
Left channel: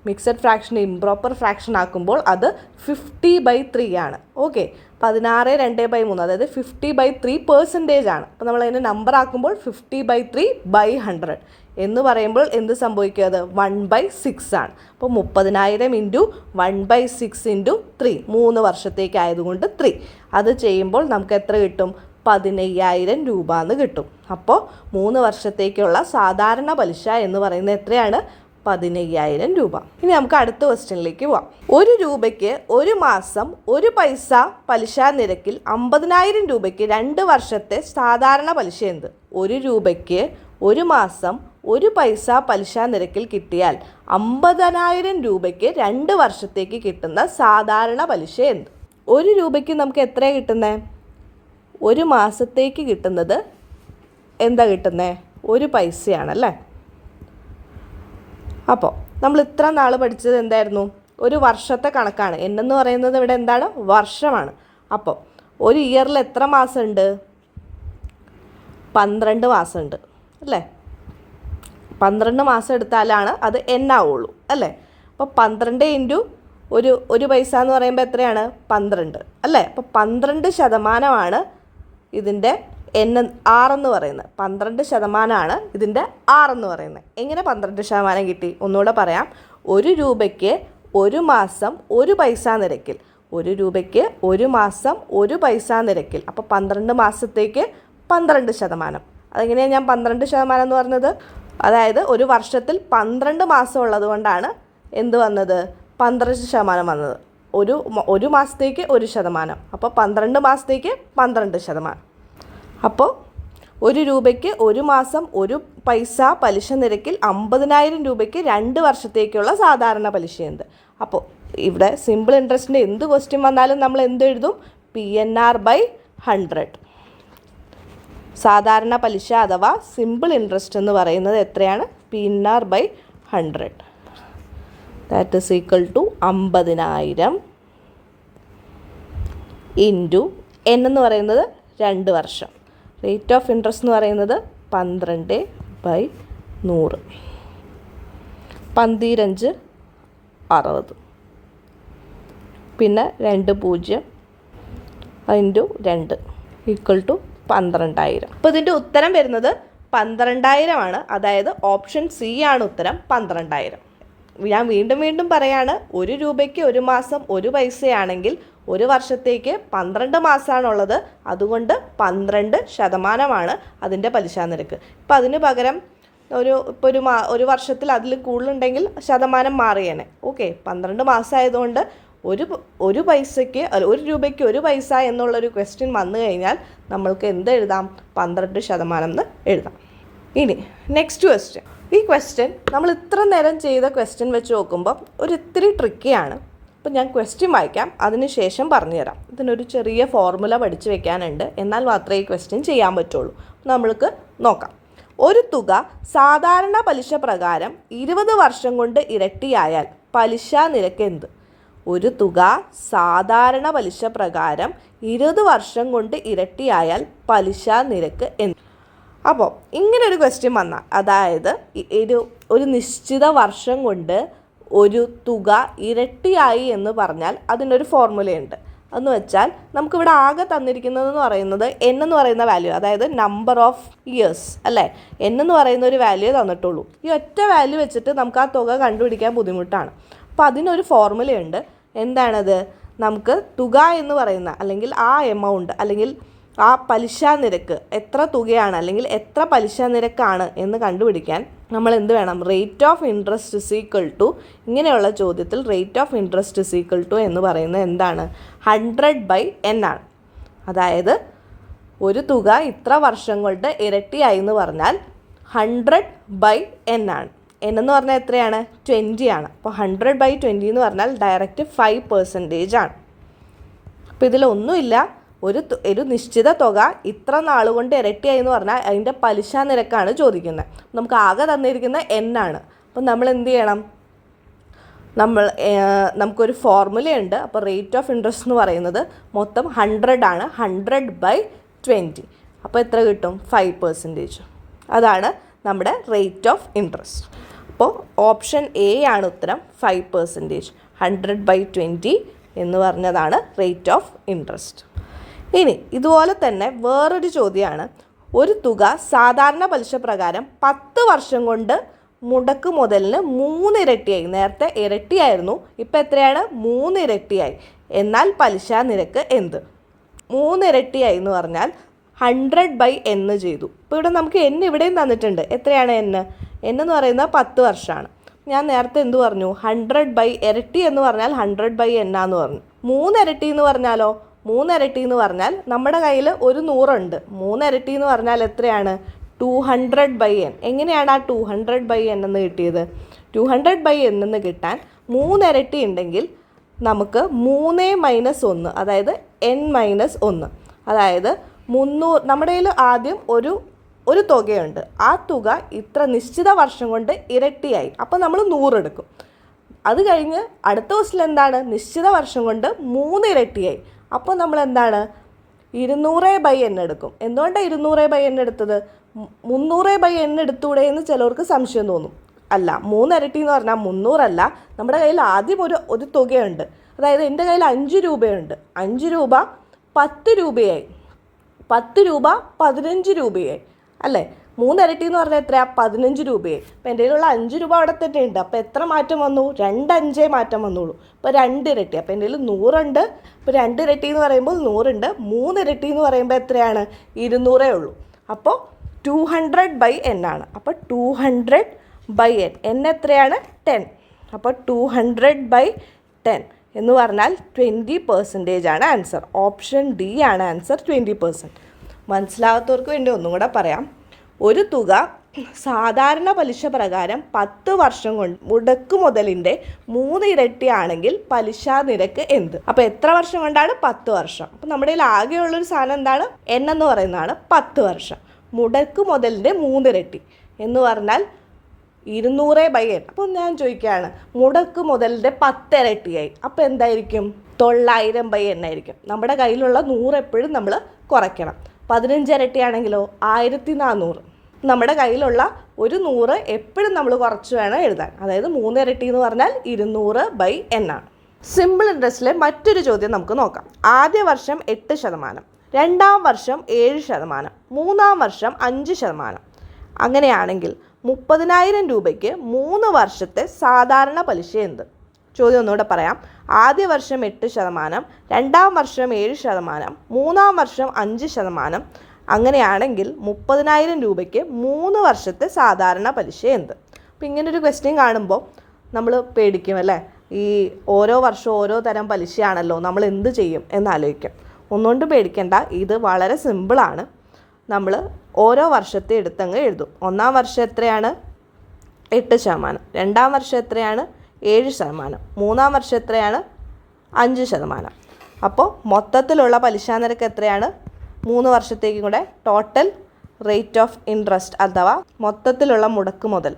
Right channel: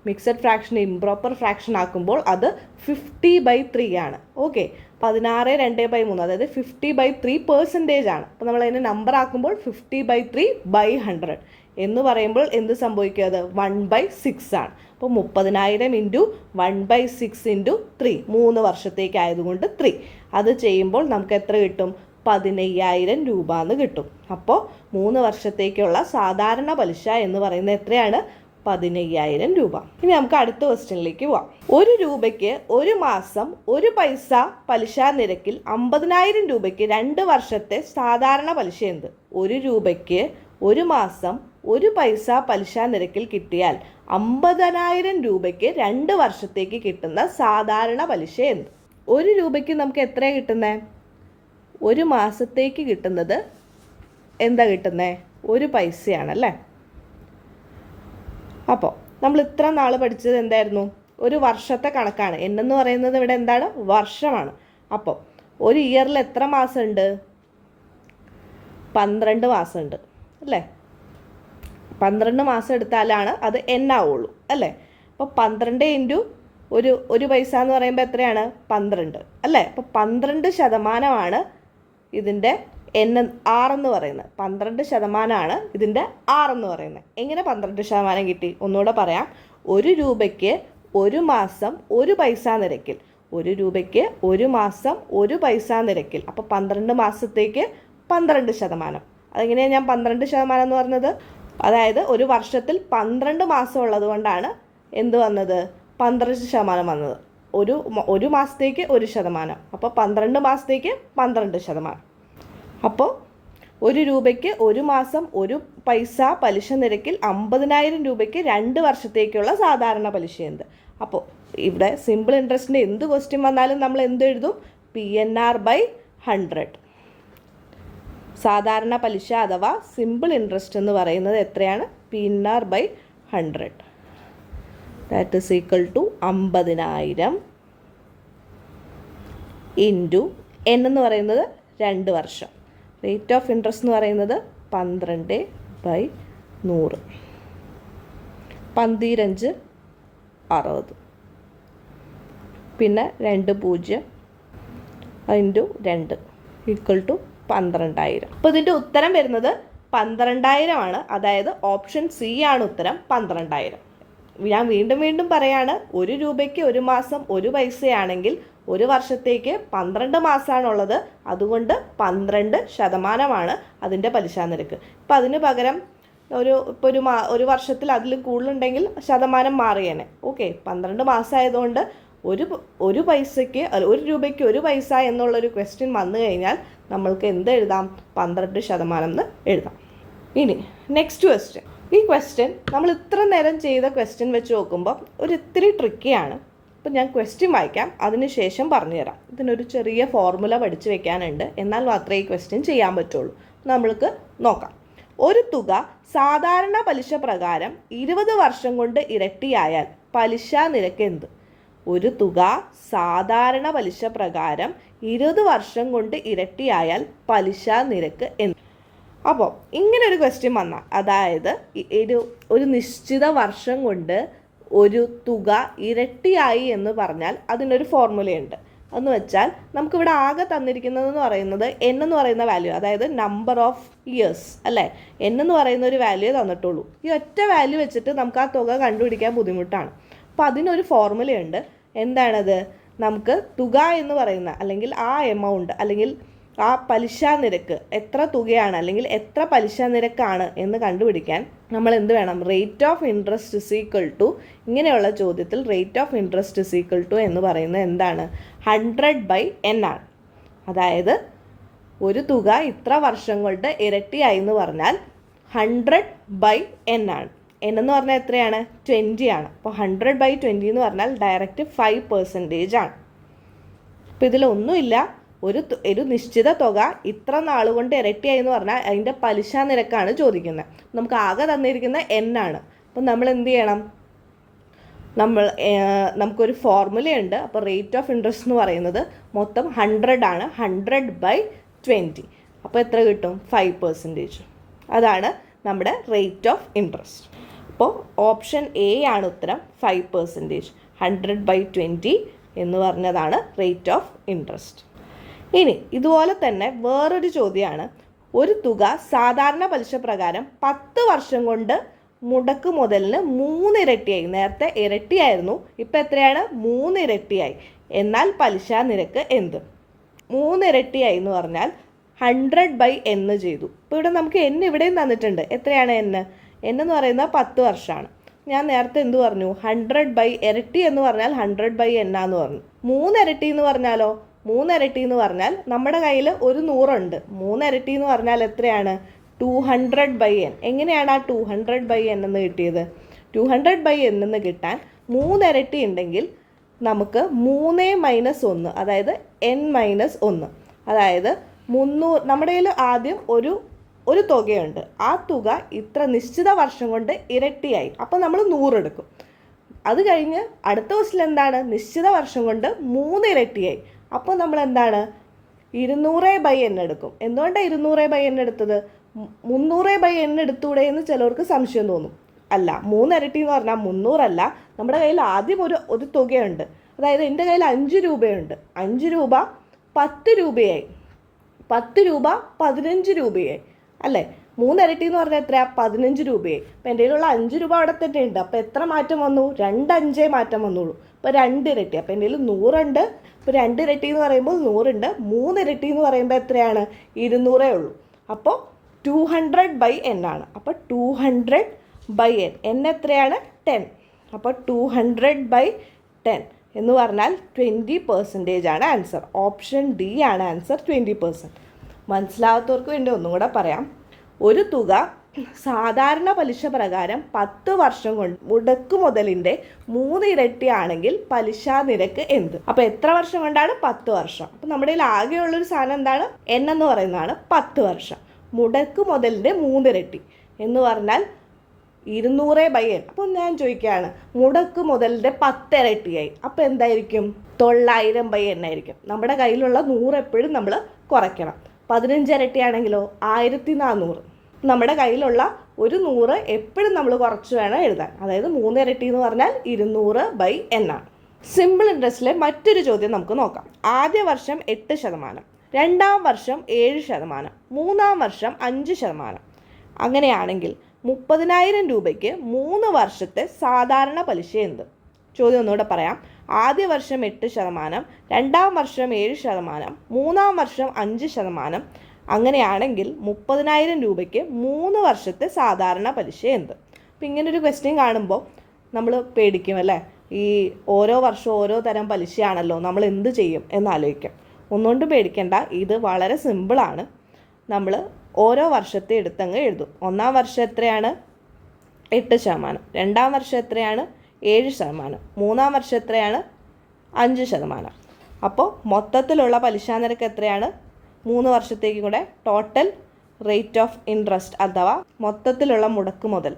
മിക്സഡ് ഫ്രാക്ഷൻ ഇംപ്രോപ്പർ ഫ്രാക്ഷൻ ആക്കുമ്പോൾ അത് 50/3 ആണ്. ഓക്കെ, 16/2/3 അതായത് 50/3% ആണ്. അപ്പോൾ നമ്മൾ അതിനെ നമ്പർ ആക്കുമ്പോൾ 50/3/100 എന്ന് പറയുമ്പോൾ എന്ത് സംഭവിക്കും? അത് 1/6 ആണ്. അപ്പോൾ 30,000 ഇൻറ്റു 1/6 ഇൻറ്റു 3, 3 വർഷത്തേക്ക് ആയതുകൊണ്ട് 3. അത് ചെയ്യുമ്പോൾ നമുക്ക് എത്ര കിട്ടും? 15,000 രൂപ എന്ന് കിട്ടും. അപ്പോൾ 3 വർഷത്തേക്കുള്ള സാധാരണ പലിശ എന്ന് പറയുന്നത് എത്രയാണ്? 15,000 രൂപ. ഇനി നമുക്ക് അടുത്ത ക്വസ്റ്റ്യനിലേക്ക് പോവാം. 1 രൂപയ്ക്ക് 1 മാസം 1 പൈസ പലിശ നിരക്കിൽ 50,000 രൂപയ്ക്ക് 2 വർഷത്തെ സാധാരണ പലിശ എന്ത്? 1 രൂപയ്ക്ക് 1 മാസം 1 പൈസ പലിശ നിരക്കിൽ കിട്ടിയാൽ 50,000 രൂപയ്ക്ക് 2 വർഷത്തേക്ക് കിട്ടുന്ന സാധാരണ പലിശ എന്ത്? 1 രൂപയ്ക്ക് നമുക്ക് എത്രയാണ് കിട്ടുന്നത്? 1 മാസത്തേക്ക് കിട്ടുന്നത് എന്താ കിട്ടുന്നത്? 1 പൈസയാണല്ലേ. അപ്പോൾ നമ്മൾ ഇത്ര നാൾ പഠിച്ചത് എന്തായിരുന്നു? ഒരു വർഷത്തെ കണക്കാണ്. എന്നെന്ന് പറയുന്നത് ഇവിടെ എന്താണ്? വർഷമാണ്. അപ്പോൾ ഒരു ഇയറിൽ എത്ര മാസമുണ്ട്? 12 മാസമുണ്ട് അല്ലേ? 12 മാസം എടുത്താലാണ് അത് എന്നാവുള്ളൂ അല്ലേ? അപ്പോൾ 12 ഇൻറ്റു ഒരു പൈസ എന്ന് പറയുമ്പോൾ എത്രയാണ്? 12 അല്ലേ? അപ്പോൾ 12% ഇതിൻ്റെ ആറെന്ന് പറയുന്നത്. 12% ഇതിൻ്റെ ആറെന്ന് പറയുന്നത്. എങ്ങനെ 12% കിട്ടി? ഒന്നുകൂടെ പറയാം. 1 രൂപയ്ക്ക് 1 മാസം 1 പൈസ നിരക്കിൽ, 1 രൂപയ്ക്ക് 1 മാസം 1 പൈസ നിരക്കിൽ, അപ്പോൾ 12 മാസത്തേക്ക് 12%. അതെങ്ങനെയാണ് ഞാൻ 12% എന്ന് പറഞ്ഞത്? അതായത് ഒരു വർഷത്തിൽ 12 മാസം ഉള്ളത് കൊണ്ടാണ് എന്ത് വന്നത്? 12% വന്നത്. ഒരു മാസത്തേക്ക് 1%. അപ്പോൾ 12 മാസത്തേക്ക് 12%. അപ്പോൾ 1 രൂപയ്ക്ക് 1 മാസം 1 പൈസ പലിശ നിരക്കിൽ 50,000 രൂപയ്ക്ക് 2 വർഷത്തേക്കുള്ള സാധാരണ പലിശ എന്ത്? അപ്പോൾ ഇവിടെ സിമ്പിൾ ഇൻട്രസ്റ്റിൻ്റെ എന്ത് ക്വസ്റ്റ്യൻ വന്നാലും നമ്മൾ എന്ത് എഴുതും? PNR/100. സാധാരണ പലിശ അഥവാ സിമ്പിൾ ഇൻട്രസ്റ്റ് എന്ന് പറയുന്നത് എത്രയാണ്? PNR/100. That is equal to 50,000 into N എന്ന് പറയുന്നത് 2 വർഷം. റേറ്റ് ഓഫ് ഇൻട്രസ്റ്റ് എന്ന് പറയുന്നത് 12/100. 15 60. പിന്നെ 20 ഇൻറ്റു 2 ഈക്വൽ ടു 12,000. അപ്പോൾ ഇതിൻ്റെ ഉത്തരം വരുന്നത് 12,000 ആണ്. അതായത് ഓപ്ഷൻ സി ആണ് ഉത്തരം, 12,000. ഞാൻ വീണ്ടും പറയാണ്, 1 രൂപയ്ക്ക് 1 മാസം 1 പൈസയാണെങ്കിൽ 1 വർഷത്തേക്ക് 12 മാസമാണുള്ളത്. അതുകൊണ്ട് 12% അതിൻ്റെ പലിശ നിരക്ക്. ഇപ്പം അതിന് പകരം ഒരു വർഷത്തിൽ അതിൽ കൂടുതലുണ്ടെങ്കിൽ ശതമാനം മാറിയേനെ. ഓക്കെ, 12 മാസമായതുകൊണ്ട് ഒരു പൈസയ്ക്ക് 1 രൂപയ്ക്ക് 1 പൈസ എന്നുള്ളൊരു ക്വസ്റ്റ്യൻ വന്നു കഴിഞ്ഞാൽ നമ്മൾക്ക് എന്ത് എഴുതാം? 12% എന്ന് എഴുതാം. ഇനി നെക്സ്റ്റ് ക്വസ്റ്റ്യൻ. ഈ ക്വസ്റ്റ്യൻ നമ്മൾ ഇത്ര നേരം ചെയ്ത ക്വസ്റ്റ്യൻ വെച്ച് നോക്കുമ്പോൾ ഇത്തിരി ട്രിക്കിയാണ്. അപ്പോൾ ഞാൻ ക്വസ്റ്റ്യൻ വായിക്കാം, അതിനുശേഷം പറഞ്ഞുതരാം. ഇതിനൊരു ചെറിയ ഫോർമുല പഠിച്ചു വെക്കാനുണ്ട്, എന്നാൽ മാത്രമേ ഈ ക്വസ്റ്റ്യൻ ചെയ്യാൻ പറ്റുള്ളൂ. നമ്മൾക്ക് നോക്കാം. ഒരു തുക സാധാരണ പലിശ പ്രകാരം 20 വർഷം കൊണ്ട് ഇരട്ടിയായാൽ പലിശ നിരക്ക് എന്ത്? ഒരു തുക സാധാരണ പലിശ പ്രകാരം 20 വർഷം കൊണ്ട് ഇരട്ടിയായാൽ പലിശ നിരക്ക് എന്ത്? അപ്പോൾ ഇങ്ങനൊരു ക്വസ്റ്റ്യൻ വന്നാൽ, അതായത് ഒരു നിശ്ചിത വർഷം കൊണ്ട് ഒരു തുക ഇരട്ടിയായി എന്ന് പറഞ്ഞാൽ അതിനൊരു ഫോർമുലയുണ്ട്. എന്ന് വെച്ചാൽ നമുക്കിവിടെ ആകെ തന്നിരിക്കുന്നതെന്ന് പറയുന്നത് N എന്ന് പറയുന്ന വാല്യൂ, അതായത് നമ്പർ ഓഫ് ഇയേഴ്സ് അല്ലേ? N എന്ന് പറയുന്ന ഒരു വാല്യൂ തന്നിട്ടുള്ളൂ. ഈ ഒറ്റ വാല്യൂ വെച്ചിട്ട് നമുക്ക് ആ തുക കണ്ടുപിടിക്കാൻ ബുദ്ധിമുട്ടാണ്. അപ്പോൾ അതിനൊരു ഫോർമുലയുണ്ട്. എന്താണത്? നമുക്ക് തുക എന്ന് പറയുന്ന, അല്ലെങ്കിൽ ആ എമൗണ്ട്, അല്ലെങ്കിൽ ആ പലിശ നിരക്ക് എത്ര തുകയാണ് അല്ലെങ്കിൽ എത്ര പലിശ നിരക്കാണ് എന്ന് കണ്ടുപിടിക്കാൻ നമ്മൾ എന്ത് വേണം? Rate of interest is equal to, ഇങ്ങനെയുള്ള ചോദ്യത്തിൽ rate of interest is equal to എന്ന് പറയുന്നത് എന്താണ്? 100/n ആണ്. അതായത് ഒരു തുക ഇത്ര വർഷം കൊണ്ട് ഇരട്ടിയായി എന്ന് പറഞ്ഞാൽ 100/n ആണ്. n എന്ന് പറഞ്ഞാൽ എത്രയാണ് 20 ആണ്. അപ്പോൾ 100/20 എന്ന് പറഞ്ഞാൽ ഡയറക്റ്റ് 5% ആണ്. അപ്പോൾ ഇതിലൊന്നുമില്ല, ഒരു നിശ്ചിത തുക ഇത്ര നാളുകൊണ്ട് ഇരട്ടിയായി എന്ന് പറഞ്ഞാൽ അതിൻ്റെ പലിശ നിരക്കാണ് ചോദിക്കുന്നത്. നമുക്ക് ആകെ തന്നിരിക്കുന്ന n ആണ്. അപ്പോൾ നമ്മൾ എന്ത് ചെയ്യണം? നമുക്കൊരു ഫോർമുലയുണ്ട്. അപ്പോൾ റേറ്റ് ഓഫ് ഇൻട്രസ്റ്റ് എന്ന് പറയുന്നത് മൊത്തം 100 ആണ്. 100/20. അപ്പോൾ എത്ര കിട്ടും? 5%. അതാണ് നമ്മുടെ റേറ്റ് ഓഫ് ഇൻട്രസ്റ്റ്. അപ്പോൾ ഓപ്ഷൻ എ ആണ് ഉത്തരം, 5%. 100/20 എന്ന് പറഞ്ഞതാണ് റേറ്റ് ഓഫ് ഇൻട്രസ്റ്റ്. ഇനി ഇതുപോലെ തന്നെ വേറൊരു ചോദ്യമാണ്. ഒരു തുക സാധാരണ പലിശ പ്രകാരം 10 വർഷം കൊണ്ട് മുടക്ക് മുതലിന് 3 ഇരട്ടിയായി. നേരത്തെ ഇരട്ടിയായിരുന്നു, ഇപ്പം എത്രയാണ്? 3 ഇരട്ടിയായി. എന്നാൽ പലിശ നിരക്ക് എന്ത്? 3 ഇരട്ടിയായി എന്ന് പറഞ്ഞാൽ 100/n ചെയ്തു. ഇപ്പോൾ ഇവിടെ നമുക്ക് n ഇവിടെയും തന്നിട്ടുണ്ട്. എത്രയാണ് n? n എന്ന് പറയുന്നത് 10 വർഷമാണ്. ഞാൻ നേരത്തെ എന്ത് പറഞ്ഞു? 100 ഇരട്ടി എന്ന് പറഞ്ഞാൽ 100/n ആന്ന് പറഞ്ഞു. 3 ഇരട്ടി എന്ന് പറഞ്ഞാലോ? 3 ഇരട്ടി എന്ന് പറഞ്ഞാൽ നമ്മുടെ കയ്യിൽ ഒരു 100 ഉണ്ട്. 3 ഇരട്ടി എന്ന് പറഞ്ഞാൽ എത്രയാണ്? 200/n. എങ്ങനെയാണ് ആ 200/n എന്ന് കിട്ടിയത്? 200/n എന്ന് കിട്ടാൻ 3 ഇരട്ടി ഉണ്ടെങ്കിൽ നമുക്ക് 3 - 1, അതായത് n-1, അതായത് 300. നമ്മുടെ കയ്യിൽ ആദ്യം ഒരു തുകയുണ്ട്. ആ തുക ഇത്ര നിശ്ചിത വർഷം കൊണ്ട് ഇരട്ടിയായി. അപ്പോൾ നമ്മൾ 100 എടുക്കും. അത് കഴിഞ്ഞ് അടുത്ത ക്വസ്റ്റിൽ എന്താണ്? നിശ്ചിത വർഷം കൊണ്ട് 3 ഇരട്ടിയായി. അപ്പോൾ നമ്മൾ എന്താണ്? 200/n എടുക്കും. എന്തുകൊണ്ടാണ് 200/n എടുത്തത്? 300/n എടുത്തൂടെ എന്ന് ചിലർക്ക് സംശയം തോന്നും. അല്ല, 3 ഇരട്ടി എന്ന് പറഞ്ഞാൽ 300 അല്ല. നമ്മുടെ കയ്യിൽ ആദ്യം ഒരു തുകയുണ്ട്. അതായത് എൻ്റെ കയ്യിൽ 5 രൂപയുണ്ട്. 5 രൂപ 10 രൂപയായി. 10 രൂപ 15 രൂപയായി അല്ലേ? 3 ഇരട്ടി എന്ന് പറഞ്ഞാൽ എത്രയാണ്? 15 രൂപയായി. അപ്പോൾ എൻ്റെ കയ്യിലുള്ള 5 രൂപ അവിടെ തന്നെ ഉണ്ട്. അപ്പോൾ എത്ര മാറ്റം വന്നു? 2 5 മാറ്റം വന്നുള്ളൂ. അപ്പോൾ 2 ഇരട്ടി. അപ്പോൾ എൻ്റെ കയ്യിൽ 100 ഉണ്ട്. ഇപ്പോൾ 2 ഇരട്ടി എന്ന് പറയുമ്പോൾ 100 ഉണ്ട്. 3 ഇരട്ടി എന്ന് പറയുമ്പോൾ എത്രയാണ്? 200 ഉള്ളൂ. അപ്പോൾ 200/n ആണ്. അപ്പോൾ 200/n. n എത്രയാണ്? 10. അപ്പോൾ 200/10 എന്ന് പറഞ്ഞാൽ 20% ആണ് ആൻസർ. ഓപ്ഷൻ ഡി ആണ് ആൻസർ, 20%. മനസ്സിലാകാത്തവർക്ക് വേണ്ടി ഒന്നും കൂടെ പറയാം. ഒരു തുക സാധാരണ പലിശ പ്രകാരം 10 വർഷം കൊണ്ട് മുടക്ക് മുതലിൻ്റെ 3 ഇരട്ടിയാണെങ്കിൽ പലിശ നിരക്ക് എന്ത്? അപ്പോൾ എത്ര വർഷം കൊണ്ടാണ്? 10 വർഷം. അപ്പോൾ നമ്മുടെ കയ്യിൽ ആകെയുള്ളൊരു സാധനം എന്താണ്? n എന്ന് പറയുന്നതാണ് 10 വർഷം. മുടക്ക് മുതലിൻ്റെ 3 ഇരട്ടി എന്ന് പറഞ്ഞാൽ 200/n. അപ്പോൾ ഞാൻ ചോദിക്കുകയാണ്, മുടക്ക് മുതലിൻ്റെ 10 ഇരട്ടിയായി. അപ്പോൾ എന്തായിരിക്കും? 900/n ആയിരിക്കും. നമ്മുടെ കയ്യിലുള്ള 100 എപ്പോഴും നമ്മൾ കുറയ്ക്കണം. 15 ഇരട്ടിയാണെങ്കിലോ 1400. നമ്മുടെ കയ്യിലുള്ള ഒരു 100 എപ്പോഴും നമ്മൾ കുറച്ച് വേണം എഴുതാൻ. അതായത് 3 ഇരട്ടി എന്ന് പറഞ്ഞാൽ 200/n ആണ്. സിമ്പിൾ ഇൻട്രസ്റ്റിലെ മറ്റൊരു ചോദ്യം നമുക്ക് നോക്കാം. ആദ്യ വർഷം 8%, രണ്ടാം വർഷം 7%, മൂന്നാം വർഷം 5%. അങ്ങനെയാണെങ്കിൽ 30,000 രൂപയ്ക്ക് 3 വർഷത്തെ സാധാരണ പലിശ എന്ത്? ചോദ്യം ഒന്നുകൂടെ പറയാം. ആദ്യ വർഷം 8%, രണ്ടാം വർഷം 7%, മൂന്നാം വർഷം 5%. അങ്ങനെയാണെങ്കിൽ 30,000 രൂപയ്ക്ക് 3 വർഷത്തെ സാധാരണ പലിശ എന്ത്? അപ്പോൾ ഇങ്ങനൊരു ക്വസ്റ്റ്യൻ കാണുമ്പോൾ നമ്മൾ പേടിക്കും അല്ലേ? ഈ ഓരോ വർഷവും ഓരോ തരം പലിശയാണല്ലോ, നമ്മൾ എന്ത് ചെയ്യും എന്നാലോചിക്കും. ഒന്നുകൊണ്ട് പേടിക്കേണ്ട, ഇത് വളരെ സിമ്പിളാണ്. നമ്മൾ ഓരോ വർഷത്തെ എടുത്തങ്ങ് എഴുതും. ഒന്നാം വർഷം എത്രയാണ്? 8%. രണ്ടാം വർഷം എത്രയാണ്? 7%. മൂന്നാം വർഷം എത്രയാണ്? 5%. അപ്പോൾ മൊത്തത്തിലുള്ള പലിശ നിരക്ക് എത്രയാണ്? 3 വർഷത്തേക്കും കൂടെ ടോട്ടൽ റേറ്റ് ഓഫ് ഇൻട്രസ്റ്റ് അഥവാ മൊത്തത്തിലുള്ള മുടക്ക് മുതൽ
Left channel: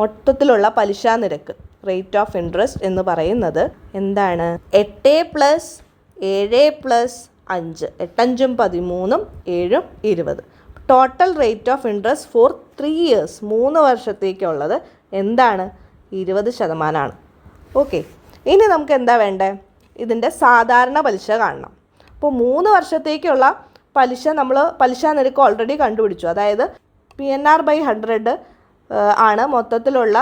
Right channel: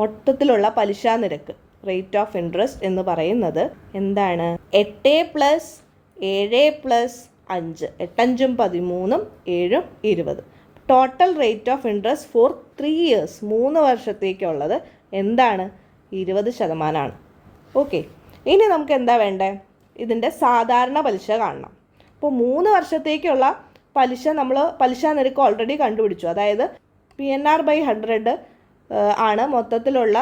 മൊത്തത്തിലുള്ള പലിശ നിരക്ക് റേറ്റ് ഓഫ് ഇൻട്രസ്റ്റ് എന്ന് പറയുന്നത് എന്താണ്? 8 + 7 + 5, 8 × 5 = 13, 7 = 20. Total rate of interest four 3 years, 3 വർഷത്തേക്കുള്ളത് എന്താണ്? 20% ഓക്കെ. ഇനി നമുക്ക് എന്താ വേണ്ടേ? ഇതിൻ്റെ സാധാരണ പലിശ കാണണം. അപ്പോൾ 3 വർഷത്തേക്കുള്ള പലിശ നിരക്ക് ഓൾറെഡി കണ്ടുപിടിച്ചു. അതായത് PNR/100 ആണ് മൊത്തത്തിലുള്ള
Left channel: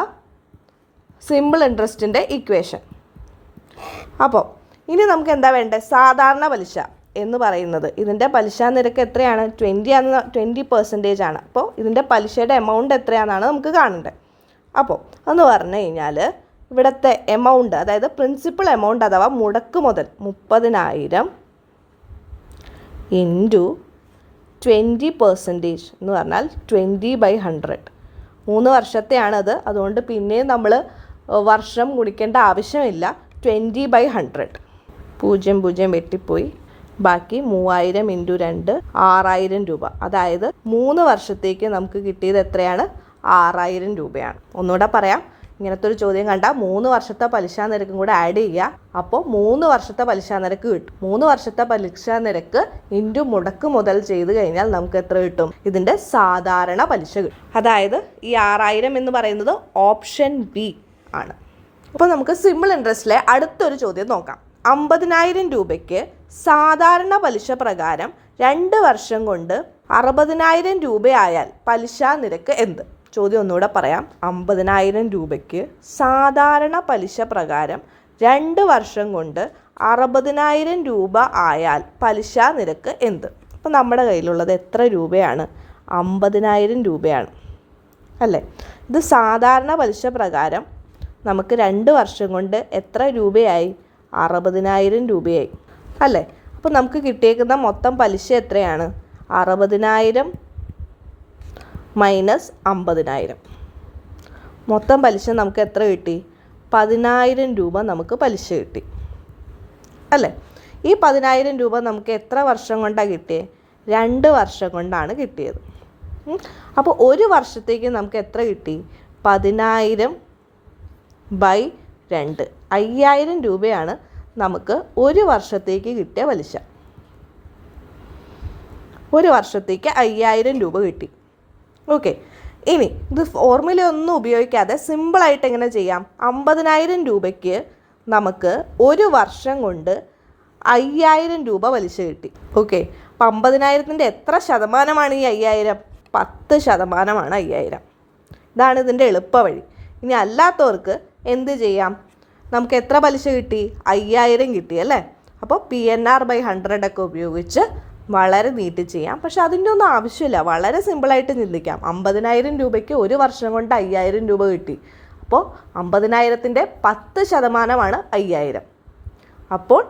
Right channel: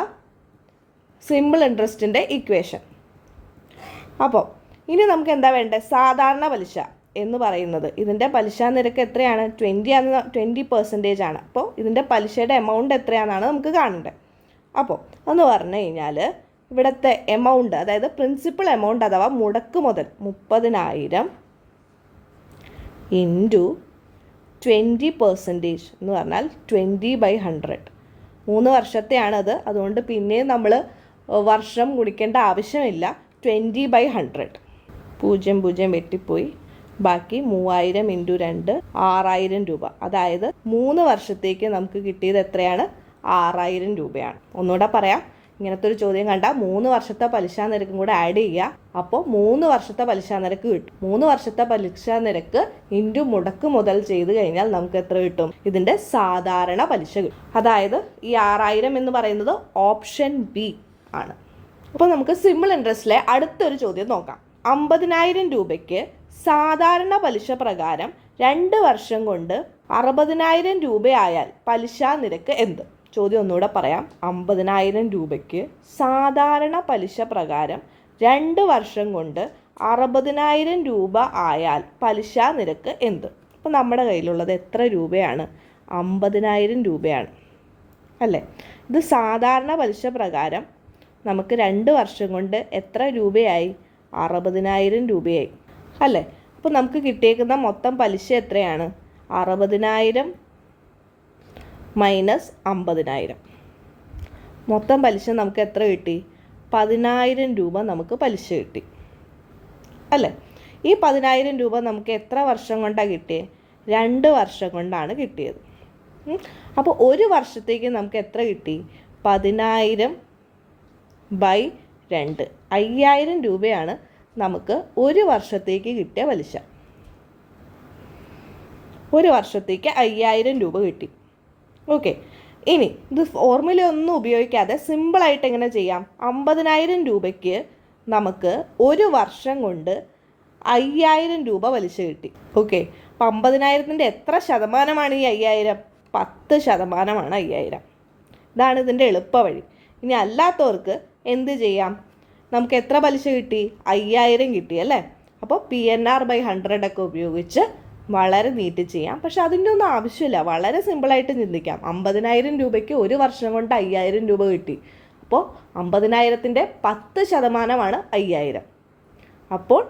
സിമ്പിൾ ഇൻട്രസ്റ്റിൻ്റെ ഇക്വേഷൻ. അപ്പോൾ ഇനി നമുക്ക് എന്താ വേണ്ടേ? സാധാരണ പലിശ എന്ന് പറയുന്നത് ഇതിൻ്റെ പലിശ നിരക്ക് എത്രയാണ്? 20% ആണ്. അപ്പോൾ ഇതിൻ്റെ പലിശയുടെ എമൗണ്ട് എത്രയാണെന്നാണ് നമുക്ക് കാണേണ്ടത്. അപ്പോൾ എന്ന് പറഞ്ഞു കഴിഞ്ഞാൽ ഇവിടുത്തെ എമൗണ്ട്, അതായത് പ്രിൻസിപ്പൽ എമൗണ്ട് അഥവാ മുടക്ക് മുതൽ 30,000 × 20% എന്ന് പറഞ്ഞാൽ 20/100. 3 വർഷത്തെയാണത്. അതുകൊണ്ട് പിന്നെയും നമ്മൾ വർഷം ഗുണിക്കേണ്ട ആവശ്യമില്ല. 20/100. 0 വെട്ടിപ്പോയി. ബാക്കി 3000 × 2 6000 രൂപ. അതായത് 3 വർഷത്തേക്ക് നമുക്ക് കിട്ടിയത് എത്രയാണ്? 6000 രൂപയാണ്. ഒന്നുകൂടെ പറയാം, ഇങ്ങനത്തെ ഒരു ചോദ്യം കണ്ടാൽ 3 വർഷത്തെ പലിശ നിരക്കും കൂടെ ആഡ് ചെയ്യുക. അപ്പോൾ 3 വർഷത്തെ പലിശ നിരക്ക് കിട്ടും. 3 വർഷത്തെ പലിശ നിരക്ക് ഇൻറ്റു മുടക്ക് മുതൽ ചെയ്ത് കഴിഞ്ഞാൽ നമുക്ക് എത്ര കിട്ടും? ഇതിൻ്റെ സാധാരണ പലിശ കിട്ടും. അതായത് ഈ 6000 എന്ന് പറയുന്നത് ഓപ്ഷൻ ബി ആണ്. അപ്പോൾ നമുക്ക് സിമ്പിൾ ഇൻട്രസ്റ്റിലെ അടുത്തൊരു ചോദ്യം നോക്കാം. 50,000 രൂപയ്ക്ക് സാധാരണ പലിശ പ്രകാരം 2 വർഷം കൊണ്ട് 60,000 രൂപയായാൽ പലിശ നിരക്ക് എന്ത്? ചോദ്യം ഒന്നുകൂടെ പറയാം. 50,000 രൂപയ്ക്ക് സാധാരണ പലിശ പ്രകാരം 2 വർഷം കൊണ്ട് 60,000 രൂപ ആയാൽ പലിശ നിരക്ക് എന്ത്? അപ്പോൾ നമ്മുടെ കയ്യിലുള്ളത് എത്ര രൂപയാണ്? 50,000 രൂപയാണ് അല്ലേ? ഇത് സാധാരണ പലിശ പ്രകാരം നമുക്ക് 2 വർഷം കൊണ്ട് എത്ര രൂപയായി? 60,000 രൂപയായി അല്ലേ? അപ്പോൾ നമുക്ക് കിട്ടിയേക്കുന്ന മൊത്തം പലിശ എത്രയാണ്? 60,000 മൈനസ് 50,000. മൊത്തം പലിശ നമുക്ക് എത്ര കിട്ടി? 10,000 രൂപ നമുക്ക് പലിശ കിട്ടി അല്ലേ? ഈ 10,000 രൂപ നമുക്ക് എത്ര വർഷം കൊണ്ടാണ് കിട്ടിയത്? 2 വർഷം കൊണ്ടാണ് കിട്ടിയത്. അപ്പോൾ ഒരു വർഷത്തേക്ക് നമുക്ക് എത്ര കിട്ടി? 10,000/2. 5,000 രൂപയാണ് നമുക്ക് ഒരു വർഷത്തേക്ക് കിട്ടിയ പലിശ. ഒരു വർഷത്തേക്ക് 5,000 രൂപ കിട്ടി. ഓക്കെ, ഇനി ഇത് ഫോർമുല ഒന്നും ഉപയോഗിക്കാതെ സിമ്പിളായിട്ട് എങ്ങനെ ചെയ്യാം? 50,000 രൂപയ്ക്ക് നമുക്ക് ഒരു വർഷം കൊണ്ട് 5,000 രൂപ പലിശ കിട്ടി. ഓക്കെ, അപ്പം 50,000-ൻ്റെ എത്ര ശതമാനമാണ് ഈ 5,000? 10% 5,000. ഇതാണ് ഇതിൻ്റെ എളുപ്പ വഴി. ഇനി അല്ലാത്തവർക്ക് എന്ത് ചെയ്യാം? നമുക്ക് എത്ര പലിശ കിട്ടി? 5,000 കിട്ടി അല്ലേ? അപ്പോൾ PNR/100 ഒക്കെ ഉപയോഗിച്ച് വളരെ നീട്ടി ചെയ്യാം. പക്ഷെ അതിൻ്റെ ഒന്നും ആവശ്യമില്ല. വളരെ സിമ്പിളായിട്ട് ചിന്തിക്കാം. 50,000 രൂപയ്ക്ക് ഒരു വർഷം കൊണ്ട് 5,000 രൂപ കിട്ടി. അപ്പോൾ 50,000-ൻ്റെ 10% 5,000. അപ്പോൾ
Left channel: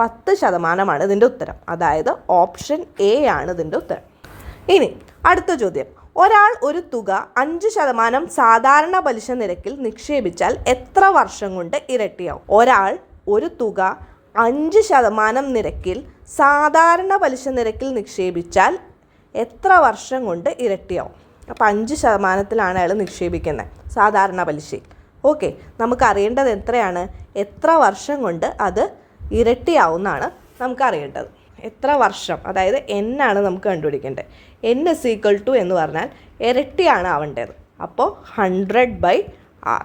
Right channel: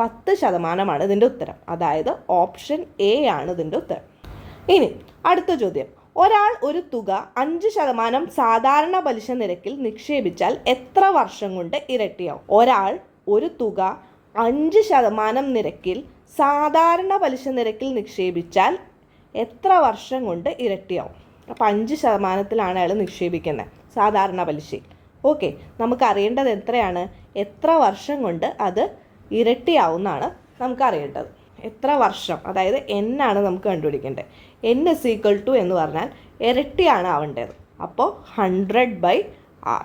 10% ഇതിൻ്റെ ഉത്തരം. അതായത് ഓപ്ഷൻ എ ആണ് ഇതിൻ്റെ ഉത്തരം. ഇനി അടുത്ത ചോദ്യം. ഒരാൾ ഒരു തുക 5% സാധാരണ പലിശ നിരക്കിൽ നിക്ഷേപിച്ചാൽ എത്ര വർഷം കൊണ്ട് ഇരട്ടിയാവും? ഒരാൾ ഒരു തുക 5% നിരക്കിൽ സാധാരണ പലിശ നിരക്കിൽ നിക്ഷേപിച്ചാൽ എത്ര വർഷം കൊണ്ട് ഇരട്ടിയാവും? അപ്പോൾ 5%-ലാണ് അയാൾ നിക്ഷേപിക്കുന്നത് സാധാരണ പലിശയിൽ. ഓക്കെ, നമുക്കറിയേണ്ടത് എത്രയാണ്? എത്ര വർഷം കൊണ്ട് അത് ഇരട്ടിയാവുമെന്നാണ് നമുക്കറിയേണ്ടത്. എത്ര വർഷം, അതായത് എന്നാണ് നമുക്ക് കണ്ടുപിടിക്കേണ്ടത്. n = എന്ന് പറഞ്ഞാൽ ഇരട്ടിയാണ് ആവേണ്ടത്. അപ്പോൾ 100/r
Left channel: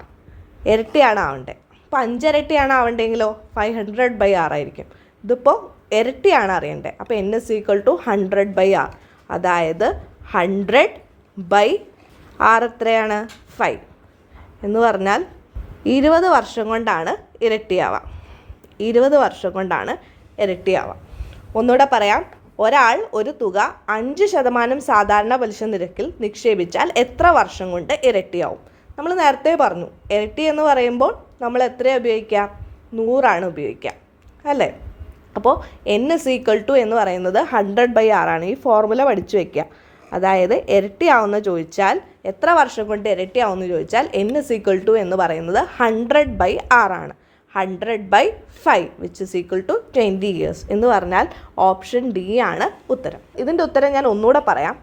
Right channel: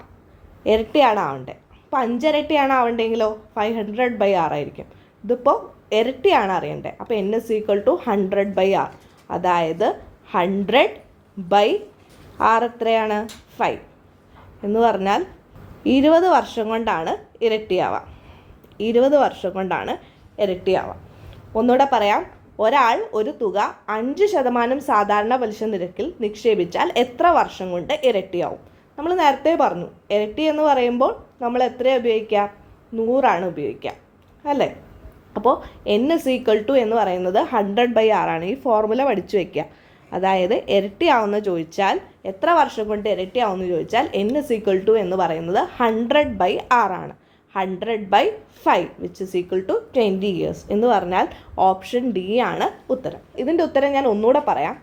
ഇരട്ടിയാണ് ആവേണ്ടത്. അപ്പോൾ 5 ഇരട്ടിയാണ് ആവേണ്ടെങ്കിലോ 500/r ആയിരിക്കും. ഇതിപ്പോൾ ഇരട്ടിയാണ് അറിയേണ്ടത്. അപ്പോൾ n = 100/r. അതായത് 100/r എത്രയാണ്? 5 എന്ന് പറഞ്ഞാൽ 20 വർഷം കൊണ്ടാണ് ഇരട്ടിയാവുക. 20 വർഷം കൊണ്ടാണ് ഇരട്ടിയാവുക. ഒന്നുകൂടെ പറയാം. ഒരാൾ ഒരു തുക 5% സാധാരണ പലിശ നിരക്കിൽ നിക്ഷേപിച്ചാൽ എത്ര വർഷം കൊണ്ട് ഇരട്ടിയാവും? നമ്മൾ നേരത്തെ പറഞ്ഞു, ഇരട്ടി എന്ന് പറയുമ്പോൾ നമ്മൾ എത്രയാണ് ഉപയോഗിക്കുക? 100 ഉപയോഗിക്കുക അല്ലേ? അപ്പോൾ n = എന്ന് പറയുന്നത് 100/r ആണ്. ഈ ഫോർമുല പഠിച്ചു വയ്ക്കുക. അതായത് ഇരട്ടിയാവുന്ന ചോദിച്ചാൽ എത്ര വർഷം കൊണ്ട് ഇരട്ടിയാവുമെന്ന് ചോദിച്ചാൽ n = എന്ന് പറയുന്നത് 100/r ആണ്. 100/5 which is equal to 20 years എന്ന് പറഞ്ഞാൽ ഓപ്ഷൻ ഡി ആണ് ഉത്തരം. ഇതിൻ്റെ ഉത്തരം ഞാൻ ഒന്നുകൂടെ പറയാം.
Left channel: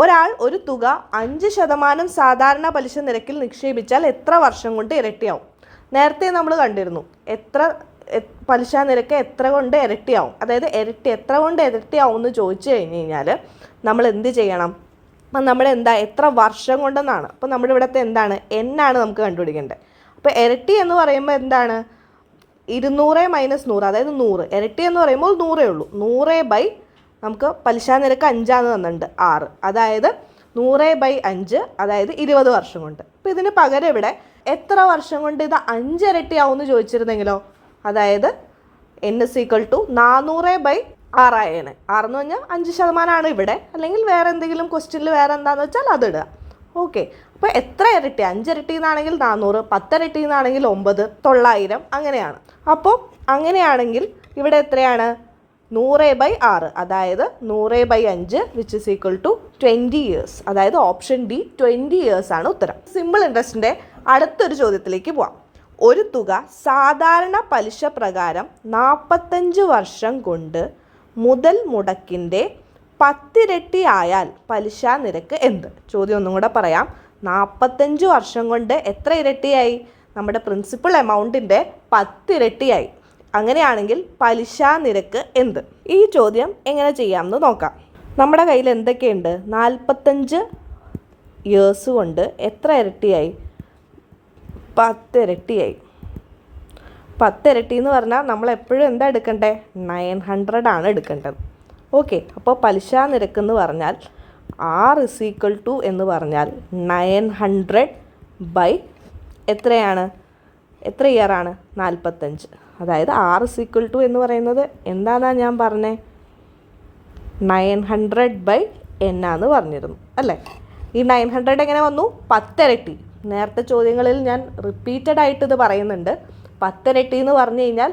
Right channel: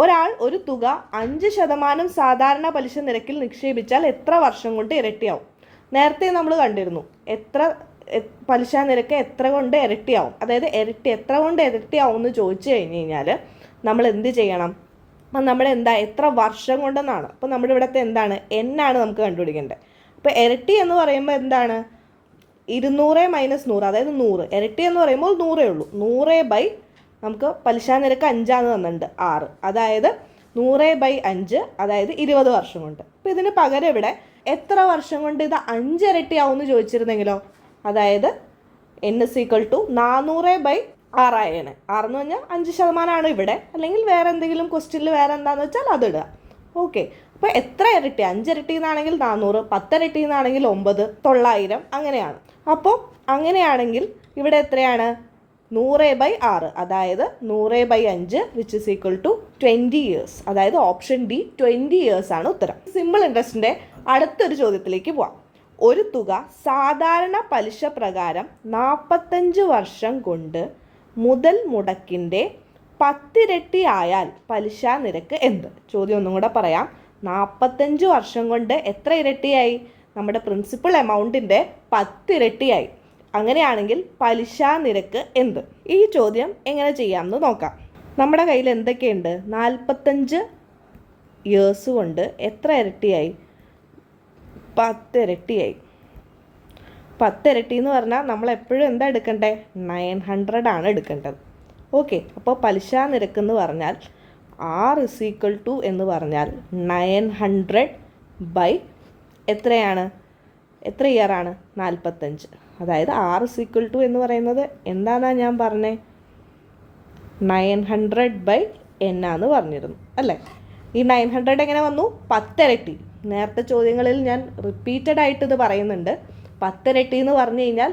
ഒരാൾ ഒരു തുക 5% സാധാരണ പലിശ നിരക്കിൽ നിക്ഷേപിച്ചാൽ എത്ര വർഷം കൊണ്ട് ഇരട്ടിയാവും? നേരത്തെ നമ്മൾ കണ്ടിരുന്നു പലിശ നിരക്ക് എത്ര കൊണ്ട് ഇരട്ടിയാവും, അതായത് എത്ര കൊണ്ട് ഇരട്ടിയാവും എന്ന് ചോദിച്ചു കഴിഞ്ഞ് കഴിഞ്ഞാൽ നമ്മൾ എന്ത് ചെയ്യണം? അപ്പം എത്ര വർഷം കൊണ്ടെന്നാണ്. അപ്പോൾ നമ്മുടെ ഇവിടുത്തെ എന്താണ്? എന്നാണ് നമുക്ക് കണ്ടുപിടിക്കേണ്ടത്. അപ്പോൾ ഇരട്ടി എന്ന് പറയുമ്പോൾ എന്താണ്? 200 - 100, അതായത് 100. ഇരട്ടി എന്ന് പറയുമ്പോൾ 100 ഉള്ളൂ. 100 നമുക്ക് പലിശ നിരക്ക് 5 തന്നിട്ടുണ്ട് 6, അതായത് 100/5, അതായത് 20 വർഷം കൊണ്ട്. അപ്പോൾ ഇതിന് പകരം ഇവിടെ എത്ര വർഷം കൊണ്ട് ഇത് 5 ഇരട്ടിയാവുമെന്ന് ചോദിച്ചിരുന്നെങ്കിലോ, അതായത് n = 400/6 ആയേനെ. 6 എന്ന് പറഞ്ഞാൽ 5% ഇവിടെ, അല്ലെങ്കിൽ വേറെ എന്തെങ്കിലും ക്വസ്റ്റ്യനിൽ വേറെ എന്താണെന്ന് വെച്ചാൽ അതിടുക. ഓക്കെ, അപ്പോൾ എത്ര ഇരട്ടി? 5 ഇരട്ടി എന്നാണെങ്കിൽ 400, 10 ഇരട്ടി എന്നാണെങ്കിൽ 9, 900 അങ്ങനെയാണ്. അപ്പോൾ അങ്ങനെയാണെങ്കിൽ ഇവിടെ എത്രയാണ്? 100/6, അതായത് 100/5 which is equal to 20 years. അതായത് ഓപ്ഷൻ ഡി 20 ഇയേഴ്സ് ആണ് ഉത്തരം. സിമ്പിൾ ഇൻട്രസ്റ്റിൻ്റെ അടുത്തൊരു ചോദ്യത്തിലേക്ക് പോവാം. ഒരു തുക സാധാരണ പലിശ പ്രകാരം 45 വർഷം കൊണ്ട് മുതൽ മുടക്കിൻ്റെ 10 ഇരട്ടി ആയാൽ പലിശ നിരക്ക് എന്ത്? ചോദ്യം ഒന്നും കൂടെ പറയാം. 45 വർഷം കൊണ്ട് എത്ര ഇരട്ടിയായി? നമ്മുടെ പ്രിൻസിപ്പൽ എമൗണ്ടിൻ്റെ 10 ഇരട്ടിയായി. അങ്ങനെയാണെങ്കിൽ പലിശ നിരക്ക് എന്ത്? ഈ ചോദ്യം എങ്ങനെ ചെയ്യാമെന്ന് നോക്കാം. നമ്മുടെ കയ്യിൽ എന്തൊക്കെയുണ്ട്? 45 ഇയേഴ്സ് കൊണ്ട് എത്ര ഇരട്ടിയായി? 10 ഇരട്ടിയായി. 10 ഇരട്ടി എന്ന് പറഞ്ഞാൽ നമ്മൾ എപ്പോഴും എന്താ എടുക്കണ്ടേ? 900 ആണ് എടുക്കേണ്ടത്. ഓക്കെ, അപ്പോൾ പലിശ നിരക്ക് എന്ന് പറഞ്ഞാൽ R ഇസ് ഈക്വൽ ടു എന്ന് പറഞ്ഞാൽ 900 ബൈ എത്രയാണ്? എത്ര ഇയർ ആണ്? 45. അതായത് R ഇസ് ഈക്വൽ ടു എന്ന് പറയുന്നത് എന്താണെന്നാണ് ഞാൻ പറഞ്ഞത്? 900/n ആണെന്ന് പറഞ്ഞിരുന്നു അല്ലേ? ഈ 900 എങ്ങനെ വന്നു? 10 ഇരട്ടി. നേരത്തെ ചോദ്യങ്ങളിൽ ഞാൻ റിപ്പീറ്റഡ് ആയിട്ട് ഇത് പറയുന്നുണ്ട്. 10 ഇരട്ടി എന്ന് പറഞ്ഞു കഴിഞ്ഞാൽ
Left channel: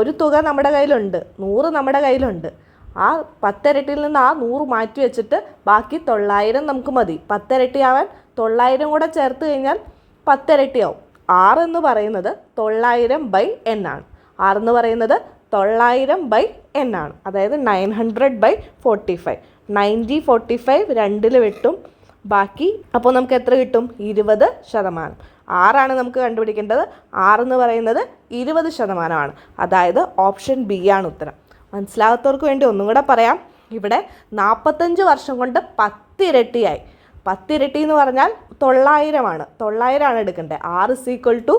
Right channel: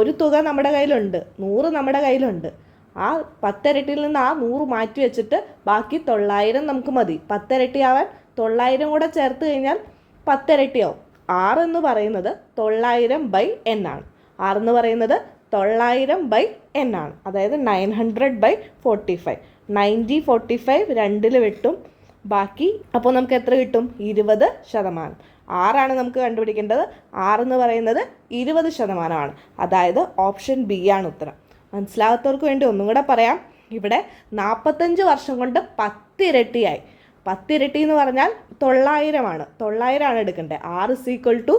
ഒരു തുക നമ്മുടെ കയ്യിലുണ്ട്, 100 നമ്മുടെ കയ്യിലുണ്ട്. ആ 10 ഇരട്ടിയിൽ നിന്ന് ആ 100 മാറ്റി വെച്ചിട്ട് ബാക്കി 900 നമുക്ക് മതി. 10 ഇരട്ടിയാവാൻ 900 കൂടെ ചേർത്ത് കഴിഞ്ഞാൽ 10 ഇരട്ടിയാവും. R എന്ന് പറയുന്നത് 900/n ആണ്. R എന്ന് പറയുന്നത് 900/n ആണ്. അതായത് 900/45. 90/45 രണ്ടിൽ വെട്ടും, ബാക്കി അപ്പോൾ നമുക്ക് എത്ര കിട്ടും? 20%. ആറാണ് നമുക്ക് കണ്ടുപിടിക്കേണ്ടത്. R എന്ന് പറയുന്നത് 20%. അതായത് ഓപ്ഷൻ ബി ആണ് ഉത്തരം. മനസ്സിലാകാത്തവർക്ക് വേണ്ടി ഒന്നും കൂടെ പറയാം. ഇവിടെ 45 വർഷം കൊണ്ട് 10 ഇരട്ടിയായി. 10 ഇരട്ടി എന്ന് പറഞ്ഞാൽ 900 ആണ്. 900 ആണ് എടുക്കേണ്ടത്. R is equal to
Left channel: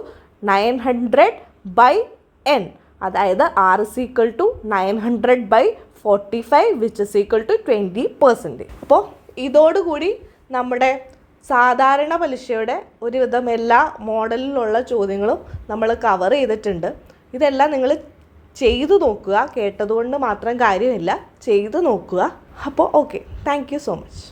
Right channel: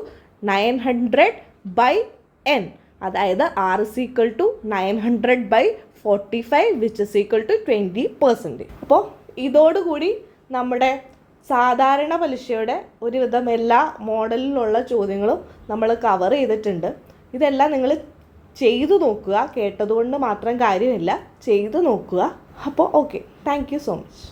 900/n. അതായത് R is equal to 900/45 which is equal to 20%. അപ്പോൾ ഇതോടുകൂടി നമ്മുടെ സാധാരണ പലിശയുടെ ഒരുവിധം എല്ലാ മോഡലിലുള്ള ചോദ്യങ്ങളും നമ്മൾ കവർ ചെയ്തിട്ടുണ്ട്. ഇതെല്ലാം നിങ്ങൾ ചെയ്തു നോക്കുക. കേട്ടതുകൊണ്ട് മാത്രം കാര്യമില്ല, ചെയ്തു നോക്കുക. അപ്പോൾ okay, thank you so much.